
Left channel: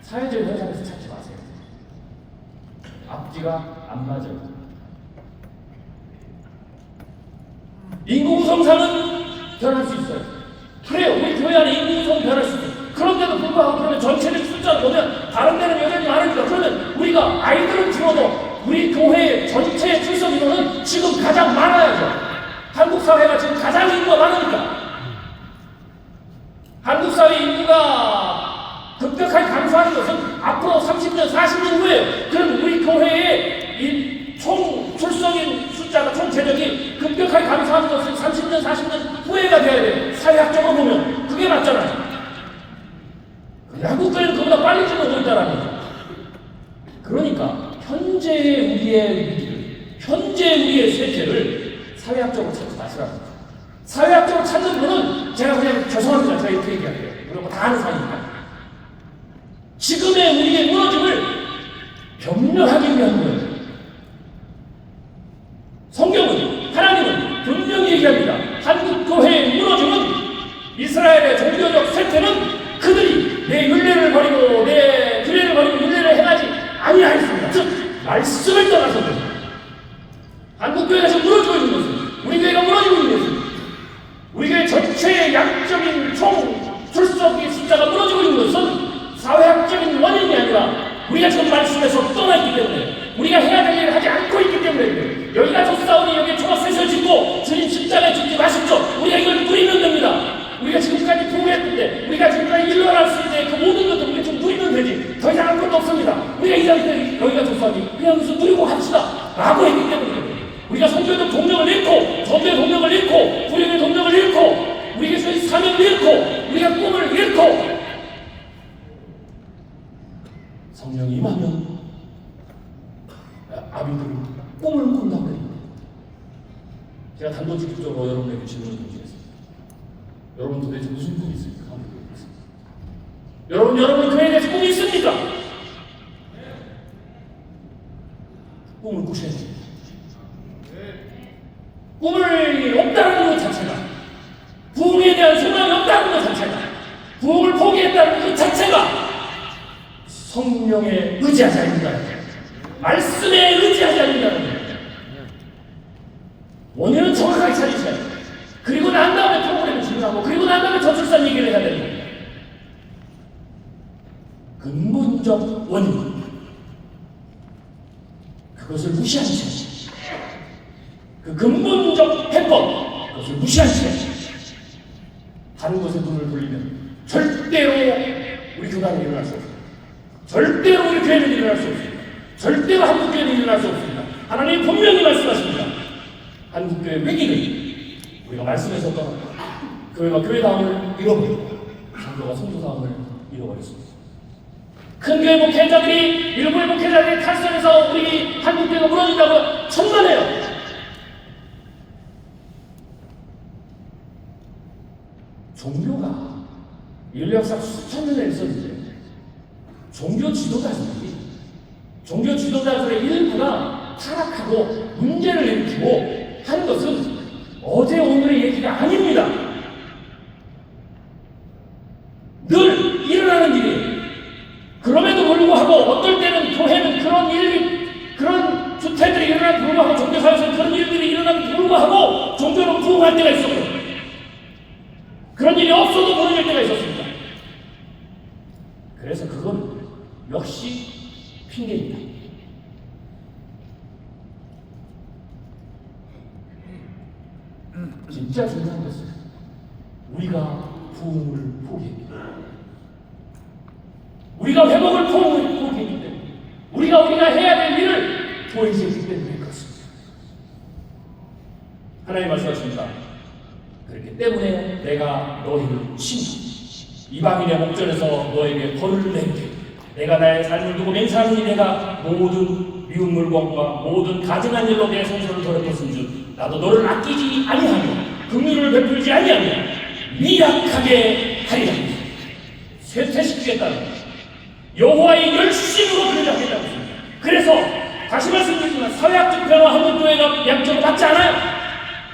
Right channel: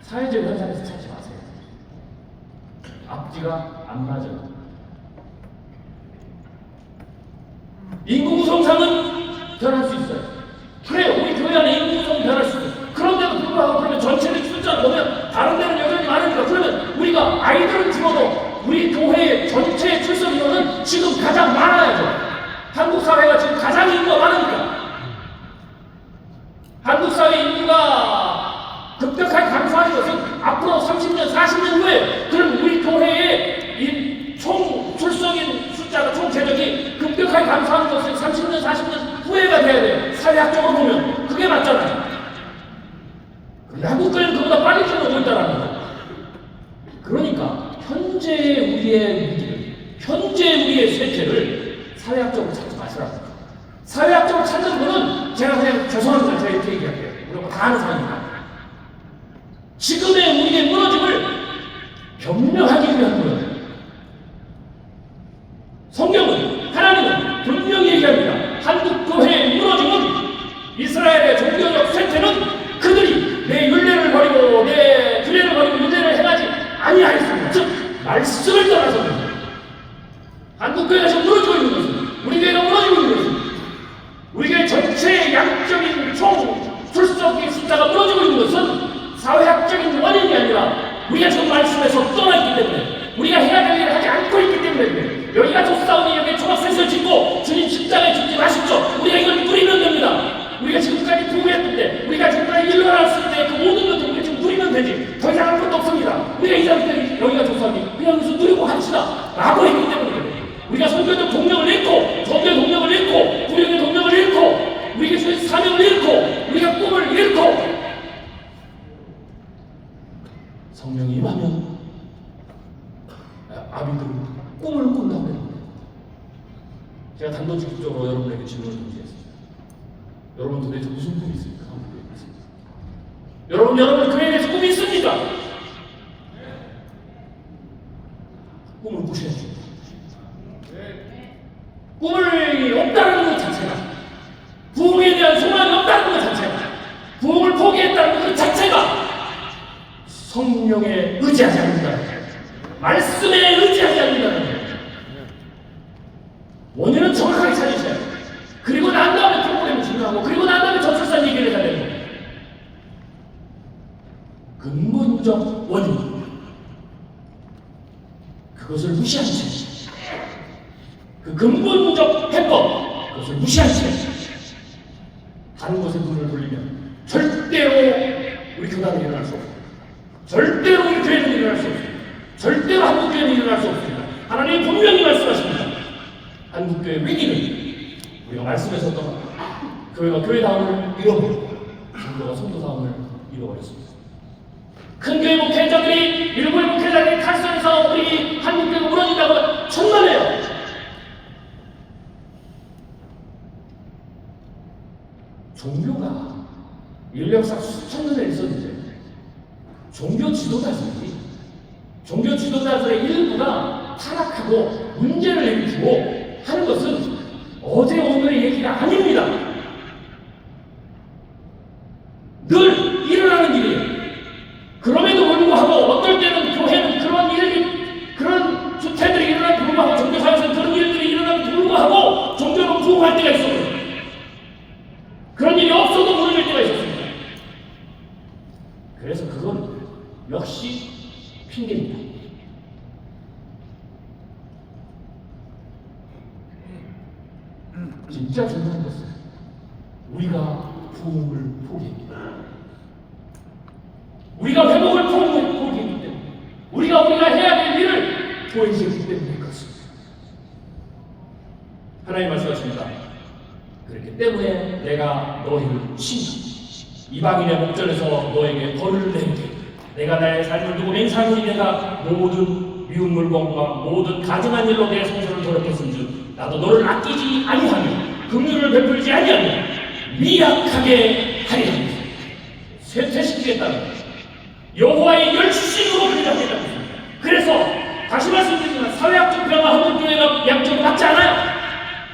사회적 현상에서 찾지 마세요. 앞뒤가 안 맞아요. 인구 구성상은 변할 수 있어요. 그래요. 우리 교회 안에 인구 구성이 변할 수 있어요. 그런데도 불구하고 그러면 전체적 숫자를 보면 다른 데는 여전히 많으니까, 그러면 우리가 아이들을 집어도 우리 교회 전체 출석 인원은 지금 가장 많아야죠. 한국 사회가 지금 가장 인구가 많으니까. 한국 사회 인구가 급격하게 감소하는 것은 앞으로 30년, 40년 후에 그럼 우리 교회의 이 총 출석인 숫자가 총 재적이 급격하게 감소하는 것은 30년, 40년 후에가 돼야 돼요. 사회학적으로 보면 그게 맞잖아요. 한국교회는 그보다 빨리 줄어든다는 거죠. 그러니까 현재 우리의 쇠퇴를 사회학적으로 찾지 마시라고. 사회학적으로 찾는 거는 제가 그냥 죄송합니다. 제가 이렇게 얘기할게요. 그리고 다 아는 사람입니다. 지금의 우리의 무너짐을 변명하기 위한 거예요. 성경은, 하나님은 분명히 얘기합니다. 한국 교회의 무너짐은, 이스라엘의 종교적 쇠퇴는 그들이 내 율례를 버리고 내 규례를 버리고 율례를 행하지 아니하였습니다. 즉 말씀을 떠나서는 한국교회가 지금 무너지고 있는 것은, 우리 교회가 무너지고 있는 것은, 우리 교회 전체의 양적인 총 출석의 숫자가 무너지고 있는 것은 사회학적인 원인이 아니라 우리가 지금 말씀에서 떠나있기 때문에, 우리가 해야 될 일을 하지 않고 있기 때문에, 여기가 좁사오니 여기에 초막셋을 짓고 주님 십자가에 죽지 마십시오. 우리가 이걸 누리면 됩니다. 우리가 지금까지 부흥했는데, 우리가 지금까지 일어날 수 있는 그 모든 것을 우리가 지금 누리면 되지. 더 이상 아무것도 없습니다. 우리가 이 자리에 여기가 좁사오니 그냥 무슨 누리고 합시다 라고 했기 때문에, 우리가 성교의 동력을 잃고, 전도의 동력을 잃고, 구령의 동력을 잃고, 우리 교회의 사명을 잃고, 우리가 꿈을 잃고, 성령이 임하면 아비들이 꿈을 꾼다고 합니다. 제가 단도직입적으로 여러분에게 질문을 던지겠습니다. 여러분 도대체 무슨 꿈이 있습니까? 여러분 그에 대해서 꿈이 있습니까? 꿈을 꾸셔야죠. 꿈을 없다는 것 자체가, 부흥에 대한 소망이 없다는 것 자체가, 부흥을 포기했다는 것 자체가 성령에 의지하지 않는다, 말씀에 의지하지 않는다는 거예요. 원인은 정확하게 찾으셔야 돼요. 그리고 난 다음에 프로그램을 진행하고, 그리고 난 다음에 저출산 얘기를 해야 되는 거예요. 근본적 원인, 그것을 무시한 채, 그 근본적 해법, 그것을 무시한 채 다른 곳에 눈을 돌리면 절대로 우리 교단은 일어날 수 없습니다. 절대로 우리 교회는 일어날 수 없습니다. 절대로 한국교회는 일어날 수 없습니다. 하나님이 분명히 말씀하십니다. 한국교회 위기는 우리가 말씀하셨던 교회가 교회다움을 잃어버리고 성도가 성도다움을 잃어버렸습니다. 큰 교회 목회자들이 일부 목회자들이 탈선해서 우리 한국교회가 무너진다고 천만해요. 종교가 인류 역사 수천 년에 있었는데 종교 지도자들의 일부가 타락하고 문제를 일으키고 하는 것은 어제 오늘의 얘기가 아닙니다. 늘 일어나는 일이에요. 그럼에도 불구하고 어떨 때는 교회는 그런 주태들이 일어나는 불구하고 종교사에서 그런 일들이 일어나는 불구하고 종교는 부흥할 때가 있어요. 그런 일이 없어도 무너질 때가 있었습니다. 그래서 그건 역시 핑계입니다. 진짜 중요한 것은 우리가 부흥을 포기합니다. 우리가 회복을 포기했기 때문에 우리가 해야 될 일을 포기했기 때문에 그렇습니다. 하나님 말씀하십니다. 그렇기 때문에 내가 너희를 친다. 이방인의 목전에서 너에게 벌을 내리게. 내가 나의 삶을 두고 맹세하노니 내가 모든 미운 물건과 모든 가증한 일로 내 성소를 더럽혔은즉 나도 너를 아끼지 아니하며 긍휼을 베풀지 아니하며 미약하게 하리라. 쇠퇴시키겠다는 여호와의 열심으로 그리하겠다는 것입니다. 그래서 다시 말씀드리지만 사회학적 변화 한국교회가 양쪽으로 맞지 않아요.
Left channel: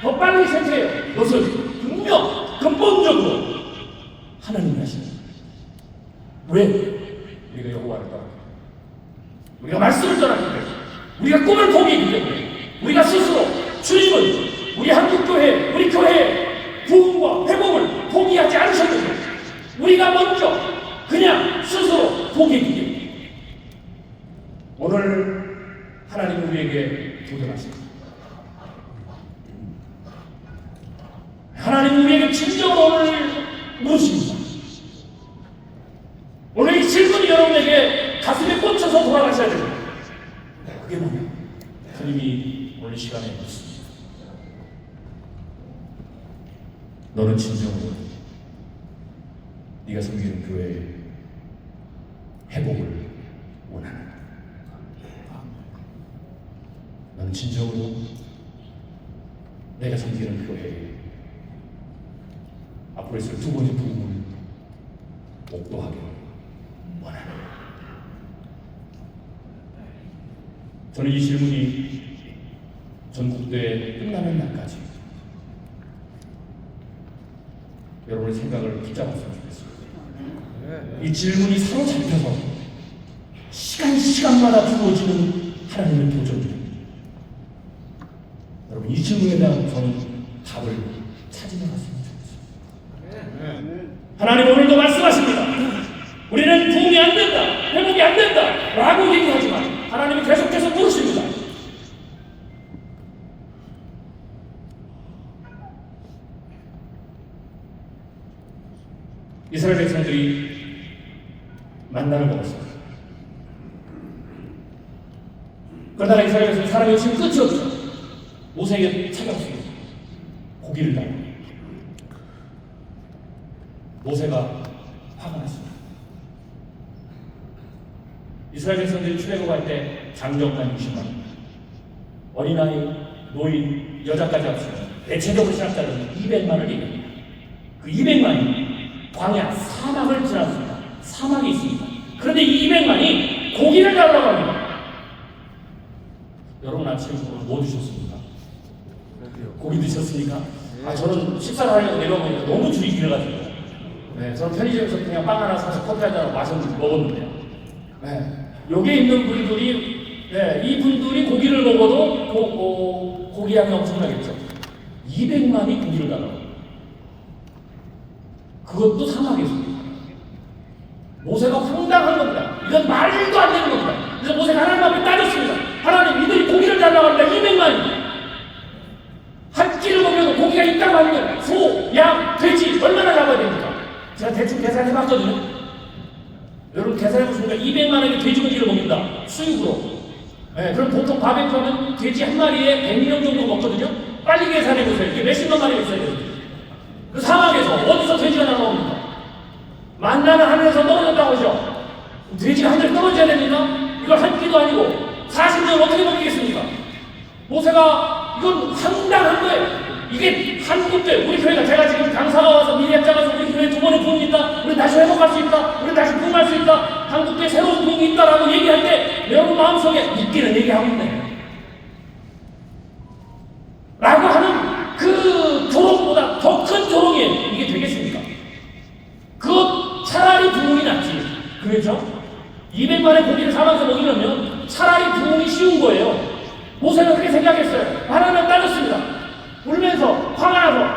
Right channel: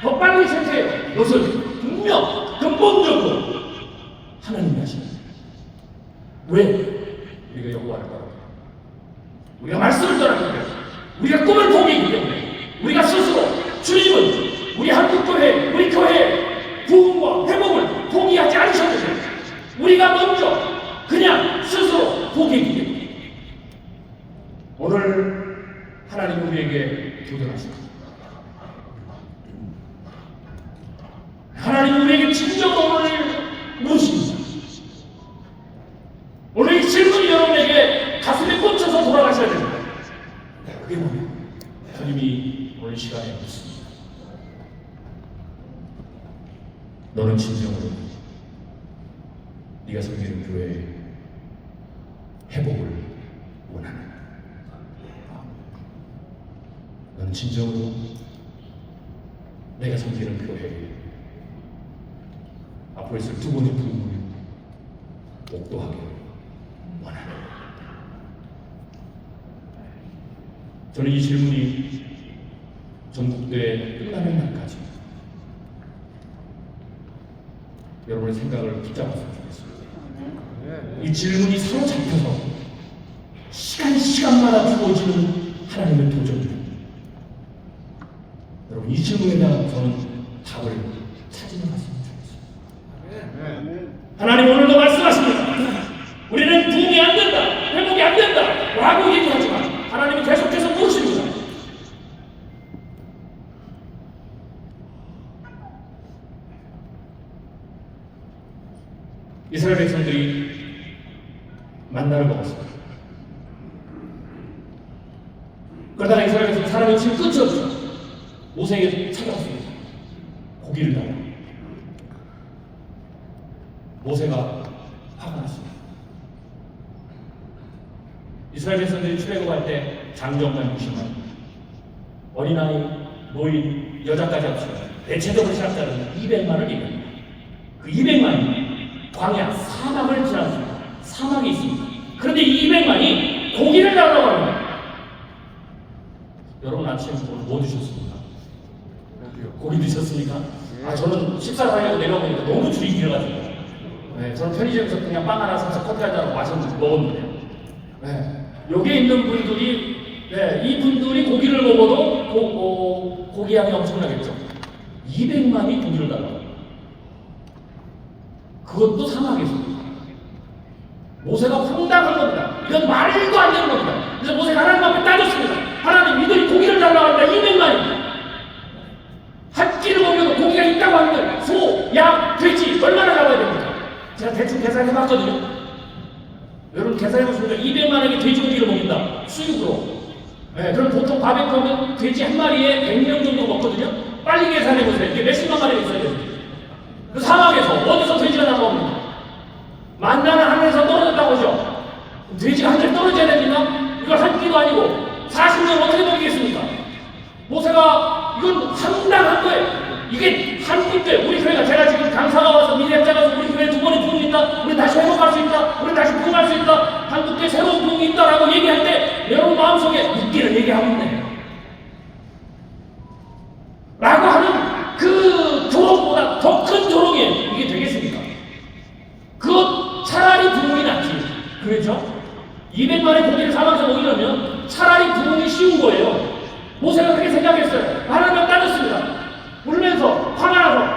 더 빨리 쇠퇴 것을 분명 근본적으로 하나님이 하십니다. 왜? 우리가 여호와를 따라 우리가 말씀을 따랐기 때문에 우리가 꿈을 포기했기 때문에 우리가 스스로 주님은 우리 한국교회 우리 교회의 부흥과 회복을 포기하지 않으셨는데 우리가 먼저 그냥 스스로 포기했기 때문에 오늘 하나님 우리에게 도전하십니다. 하나님 우리에게 진정으로 오늘 물으십니다. 오늘 이 질문이 여러분에게 가슴에 꽂혀서 돌아가셔야 됩니다. 그게 뭐냐? 주님이 오늘 시간에 묻습니다. 너는 진정으로 네가 섬기는 교회의 회복을 원하나? 너는 진정으로 내가 섬기는 교회의 앞으로 있을 두 번째 부흥을 목도하게 원하나? 저는 이 질문이 전국대회 끝나는 날까지 여러분의 생각을 붙잡았으면 좋겠습니다. 이 질문이 사로잡혀서 시간마다 주어지는 하나님의 도전입니다. 여러분 이 질문에 대한 저는 답을 찾으러 갔으면 좋겠습니다. 하나님 오늘도 말씀하십니다. 우리는 부흥이 안 된다, 회복이 안 된다 라고 얘기하지만 하나님이 계속해서 물으십니다. 이스라엘 백성들이 만나를 먹었습니다. 그러다가 이스라엘 백성 사람의 지금 끝이 없어 모세에게 찾아왔습니다. 고기를 달라. 모세가 화가 났습니다. 이스라엘 백성들이 출애굽할 때 장정만 60만, 어린아이, 노인, 여자까지 합치면 대체적으로 시작자는 200만을 얘기합니다. 그 200만이 광야, 사막을 지났습니다. 사막이 있습니다. 그런데 이 200만이 고기를 달라고 합니다. 여러분 아침에 뭐 드셨습니까? 고기 드셨습니까? 저는 식사를 하려고 내려오니까 너무 줄이 길어가지고 저는 편의점에서 그냥 빵 하나 사서 커피에다가 마셨는데 먹었는데 여기에 있는 분들이 이분들이 고기를 먹어도 고기 양이 엄청나겠죠. 200만이 고기를 달라고. 그것도 사막에서. 모세가 황당한 겁니다. 이건 말도 안 되는 겁니다. 그래서 모세가 하나님 앞에 따졌습니다. 하나님 이들이 고기를 달라고 하는데 200만이 한 끼를 먹으면 고기가 있다고 하는데 소, 양, 돼지 얼마나 잡아야 됩니까? 한 마리에 100명 정도 먹거든요. 빨리 계산해보세요. 이게 몇십만 마리가 있어야 돼요. 그 사막에서 어디서 돼지가 나옵니까? 만나는 하늘에서 떨어졌다고 하죠. 돼지가 하늘에 떨어져야 됩니까? 이걸 한 끼도 아니고 40년 어떻게 먹이겠습니까? 모세가 이건 상당한 거예요. 이게 한국 때 우리 교회가 제가 지금 강사가 와서 미래학자가 와서 우리 교회 두 번에 부흥이 있다. 우리 다시 회복할 수 있다. 우리 다시 부흥할 수 있다. 한국 때 새로운 부흥이 있다라고 얘기할 때 여러분 마음속에 믿기는 얘기하고 있네요. 라고 하는 그 조롱보다 더 큰 조롱이 이게 되겠습니까? 그것 차라리 부흥이 낫지. 그렇죠? 200만의 고기를 삶아서 먹이려면 차라리 부흥이 쉬운 거예요. 모세가 그렇게 생각했어요. 하나님을 따졌습니다. 울면서 화가 나서.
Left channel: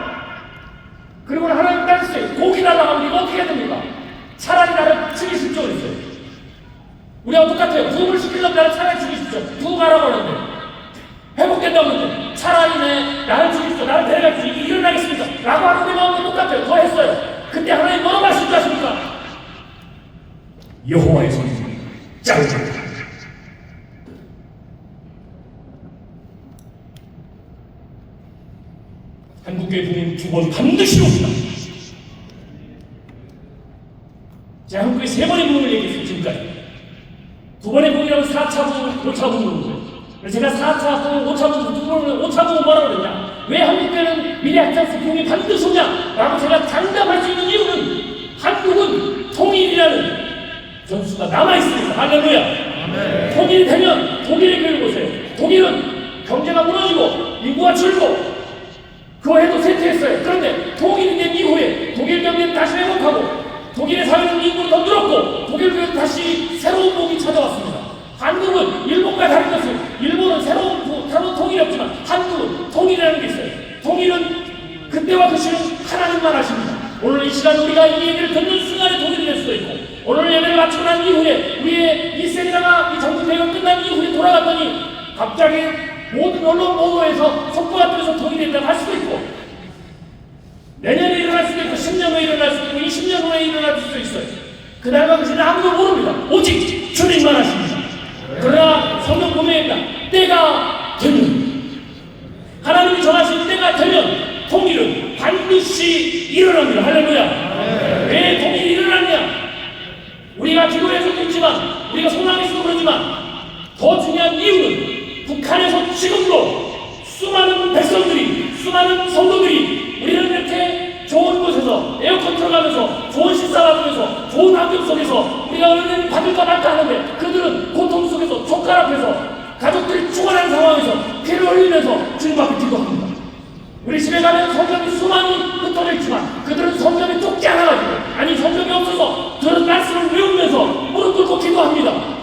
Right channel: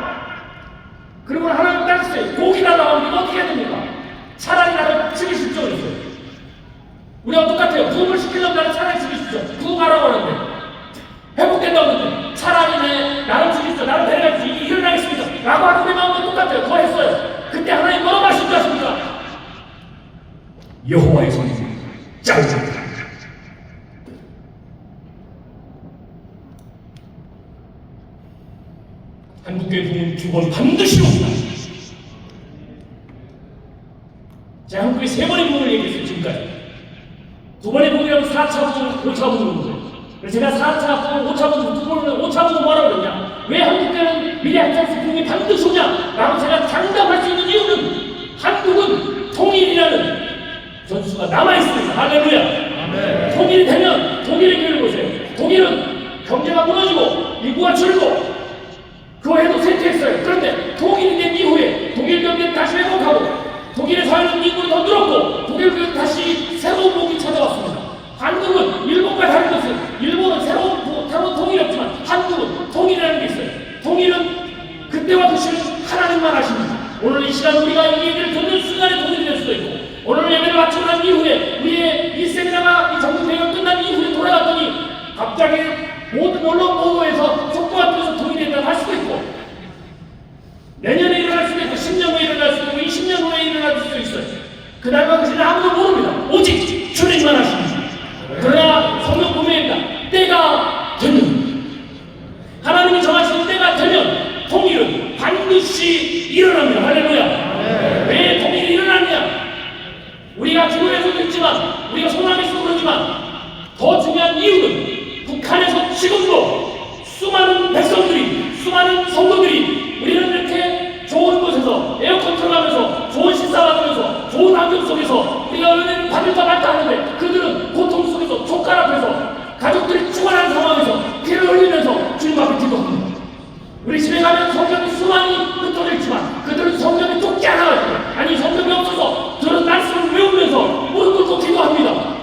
그리고 하나님을 따졌어요. 고기 달라고 하면 어떻게 해야 됩니까? 차라리 나를 죽이십시오. 그랬어요. 우리가 똑같아요. 부흥을 시키려면 나를 차라리 죽이십시오. 부흥하라고 하는데 회복된다고 하는데 차라리 나를 죽이십시오. 나를 데려갈 수 일어나겠습니까? 라고 하는데 나오면 똑같아요. 더 했어요. 그때 하나님 뭐라고 하십니까? 여호와의 손이 짜증납니다. 한국교회 부흥 두 번 반드시 옵니다. 제가 한국교회 3번의 부흥을 얘기했어요. 지금까지. 2번의 부흥이라고 4차 부흥, 5차 부흥을. 제가 4차 부흥, 5차 부흥, 5차 부흥 뭐라고 그러냐? 왜 한국교회는 미래학자에서 부흥이 반드시 오냐? 라고 제가 장담할 수 있는 이유는 한국은 통일이라는 전수가 남아있습니다. 할렐루야. 아멘. 통일이 되면 독일의 교회를 보세요. 독일은 경제가 무너지고 인구가 줄고 그걸 해도 쇠퇴했어요. 그런데 독일이 된 이후에 독일 경제는 다시 회복하고 독일의 사회적 인구는 더 늘었고 독일 교회는 다시 새로운 복이 찾아왔습니다. 한국은 일본과 다른 것은 일본은 새로운 통일이 없지만 한국은 통일이라는 게 있어요. 통일은 그때와 그시는 하나님만 하십니다. 오늘 이 시간 우리가 이 얘기를 듣는 순간에 통일이 될 수도 있고 오늘 예배를 마치고 난 이후에 우리의 이 세미나가 이 정부회의가 끝난 이후에 돌아갔더니 갑자기 모든 언론 보도에서 속보가 떠서 통일이 할 수도 있고 내년에 일어날 수도 있고 10년 후에 일어날 수도 있고 20년 후에 일어날 수도 있어요. 그날과 그시는 아무도 모릅니다. 오직 주님만 하십니다. 그러나 성경 보면입니다. 때가 되면 하나님이 정하신 때가 되면 통일은 반드시 일어납니다. 할렐루야. 왜 통일이 일어났냐? 우리가 기도해서도 있지만 우리가 소망해서도 그러지만 더 중요한 이유는 북한에서 지금도 수많은 백성들이 수많은 성도들이 우리는 이렇게 좋은 곳에서 에어컨 틀어가면서 좋은 식사 받으면서 좋은 환경 속에서 우리가 은혜를 받을까 말까 하는데 그들은 고통 속에서 족갈 앞에서 가족들이 죽어가는 상황에서 피를 흘리면서 주님 앞에 기도합니다. 우리 집에 가면 성경이 수많이 흩어져 있지만 그들은 성경이 좁지 않아가지고 아니 성경이 없어서 저는 말씀을 외우면서 무릎 꿇고 기도합니다.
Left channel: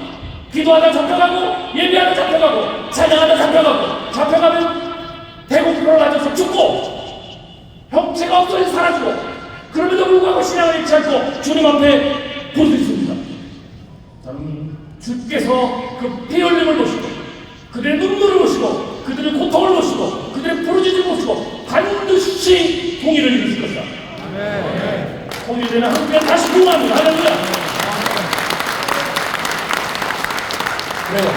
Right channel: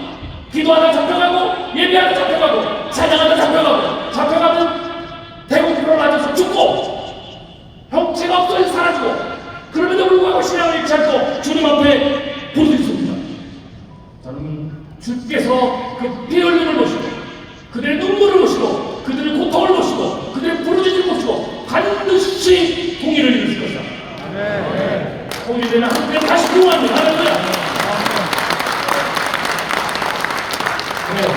기도하다 잡혀가고 예배하다 잡혀가고 찬양하다 잡혀가면 대구표를 맞아서 죽고 형체가 없어져 사라지고 그럼에도 불구하고 신앙을 잃지 않고 주님 앞에 부르짖습니다. 저는 주께서 그 피 흘림을 보시고 그들의 눈물을 보시고 그들의 고통을 보시고 그들의 부르짖음을 보시고 반드시 통일을 이루실 것이다. 아멘. 통일되는 한국에 다시 부흥합니다. 할렐루야. 그래요.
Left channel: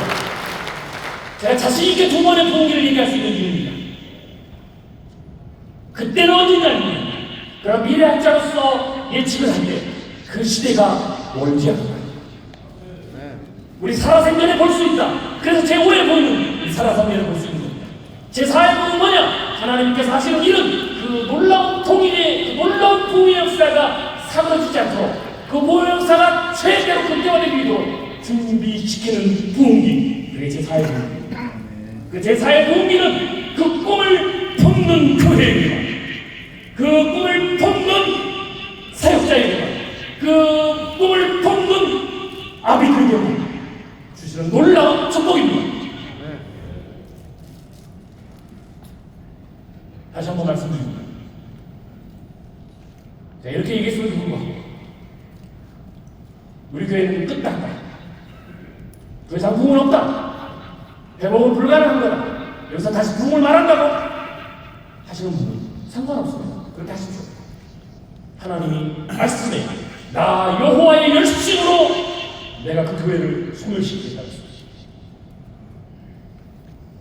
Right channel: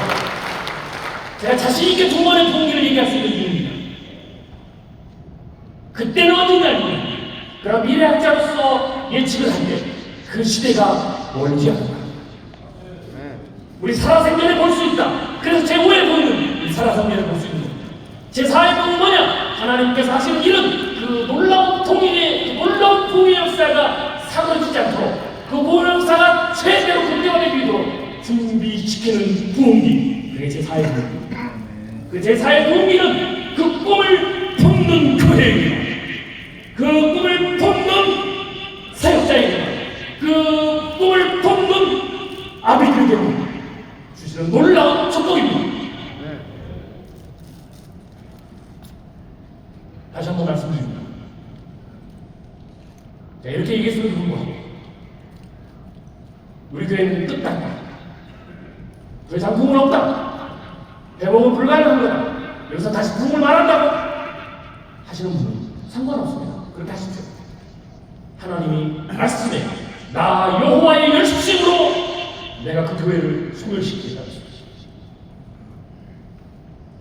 제가 자신있게 두 번의 통일을 얘기할 수 있는 이유입니다. 그때는 언제냐면 그럼 미래학자로서 예측을 할 때 그 시대가 멀지 않아요. 우리 살아생전에 볼 수 있다. 그래서 제5의 복음은 우리 살아생전에 볼 수 있는 겁니다. 제4의 복음은 뭐냐? 하나님께서 하시는 일은 그 놀라운 통일의 놀라운 부흥의 역사가 사그러지지 않도록 그 부흥의 역사가 최대로 극대화되기 위해 준비시키는 부흥기. 그게 제4의 부흥기입니다. 그 제4의 부흥기는 그 꿈을 품는 교회입니다. 그 꿈을 품는 사역자입니다. 그 꿈을 품는 아비들입니다. 주시는 놀라운 축복입니다. 다시 한번 말씀드립니다. 자, 이렇게 얘기했으면 좋은 우리 교회는 끝났다. 더 이상 부흥은 없다. 회복은 불가능합니다. 여기서 다시 부흥을 말한다고 하시는 분은 상관없습니다. 그렇게 하십시오. 하나님이 말씀해 나 여호와의 열심으로 내가 그 교회를 소멸시키겠다.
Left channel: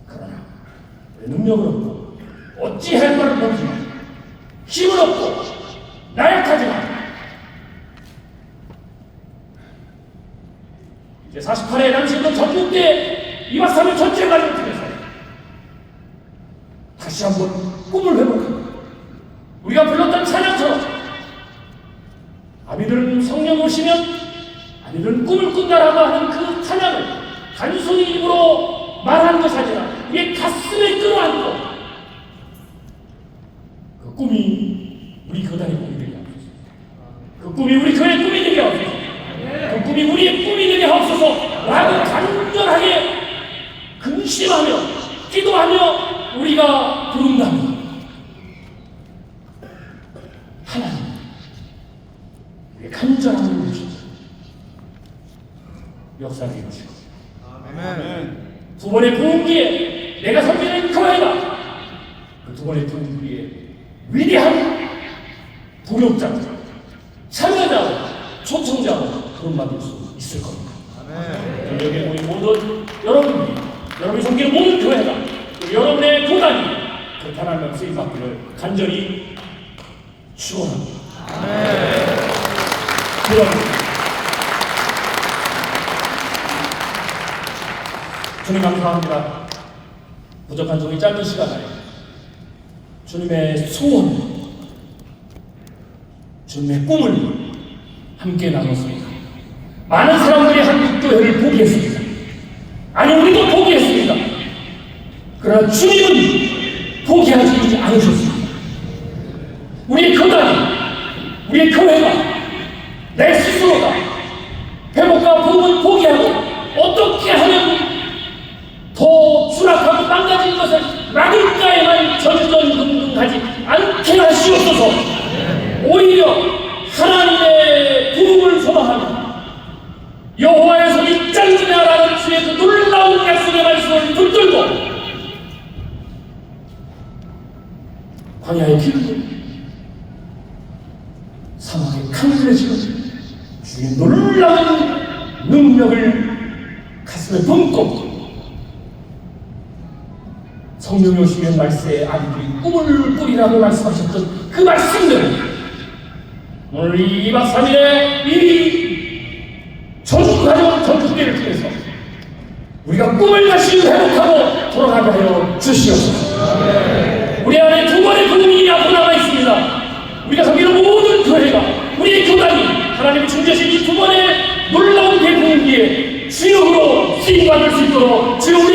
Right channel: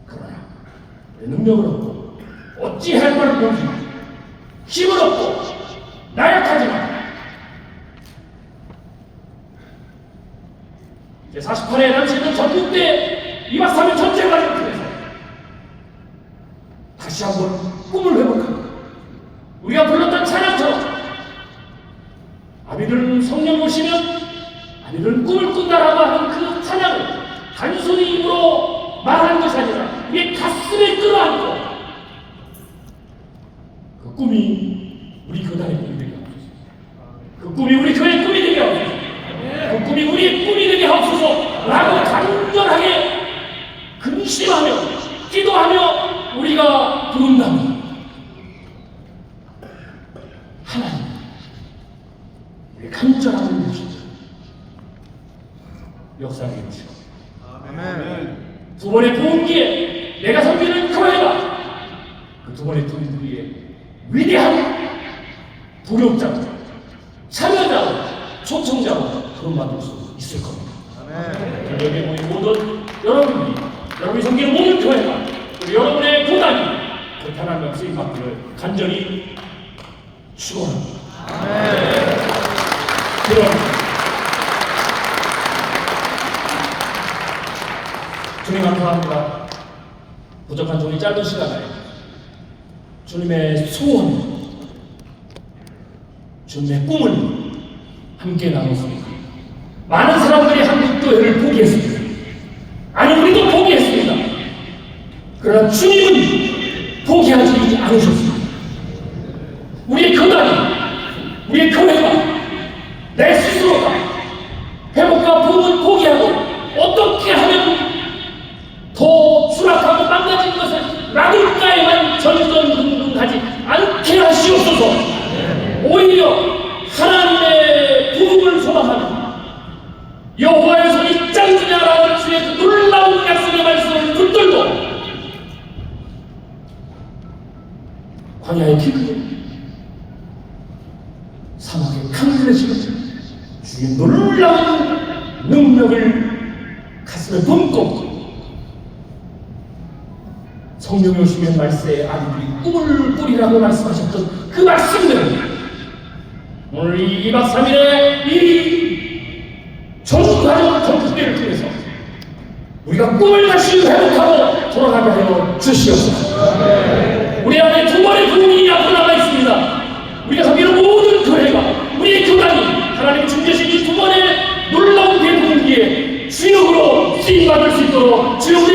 그러나 능력은 없고 어찌 할 말을 모르지 힘은 없고 나약하지만 이제 48회 남짓은 전국대 2박 3일 전쟁과를 통해서 다시 한번 꿈을 회복하고 우리가 불렀던 찬양처럼 아비들은 성령 오시면 아비들은 꿈을 꾼다라고 하는 그 찬양을 단순히 입으로 말하는 것이 아니라 우리의 가슴에 끌어안고 그 꿈이 우리 교단의 꿈이 되게 하옵소서. 그 꿈이 우리 교회의 꿈이 되게 하옵소서. 그 꿈이 우리의 꿈이 되게 하옵소서 라고 간절하게 근심하며 기도하며 우리가 부른다면 하나님 우리의 간절함을 주시고 역사를 이루시고 두 번의 부흥기에 내가 섬기는 교회가 그 두 번의 부흥기에 위대한 동역자, 참여자, 초청자로 거듭나볼 수 있을 겁니다. 여기 모인 모든 여러분이 섬기는 모든 교회가 그리고 여러분의 교단이 그 편안한 쓰임받기를 간절히 축원합니다. 주님 감사합니다. 부족한 종이 짧은 시간에 주님의 소원, 주님의 꿈을 함께 나눴습니다. 많은 사람들이 한국교회를 포기했습니다. 아니 우리도 포기했습니다. 그러나 주님은 포기하지 않으셨습니다. 우리의 교단, 우리의 교회가 내 스스로가 회복과 부흥을 포기하고 어떻게 하면 더 추락하고 망가진 것을 막을까에만 전전긍긍하지 않게 하시옵소서. 오히려 하나님의 부흥을 소망하며 여호와의 손이 짱지나라는 주의 그 놀라운 약속의 말씀을 붙들고 광야의 길을 사막의 강물에서 주의 놀라운 능력을 가슴에 품고 성령의 오시면 말세에 아기들이 꿈을 꾸리라고 말씀하셨던 그 말씀을 오늘 이 2박 3일의 이 전국가족 전국대를 통해서 우리가 꿈을 다시 회복하고 돌아가게 하여 주시옵소서. 우리 앞에 두 번의 부흥이 앞으로 남아 있습니다. 우리가 섬기는 모든 교회가 우리의 교단이 하나님의 준비하신 이 두 번의 놀라운 대부흥기에 주역으로 쓰임받을 수 있도록 주역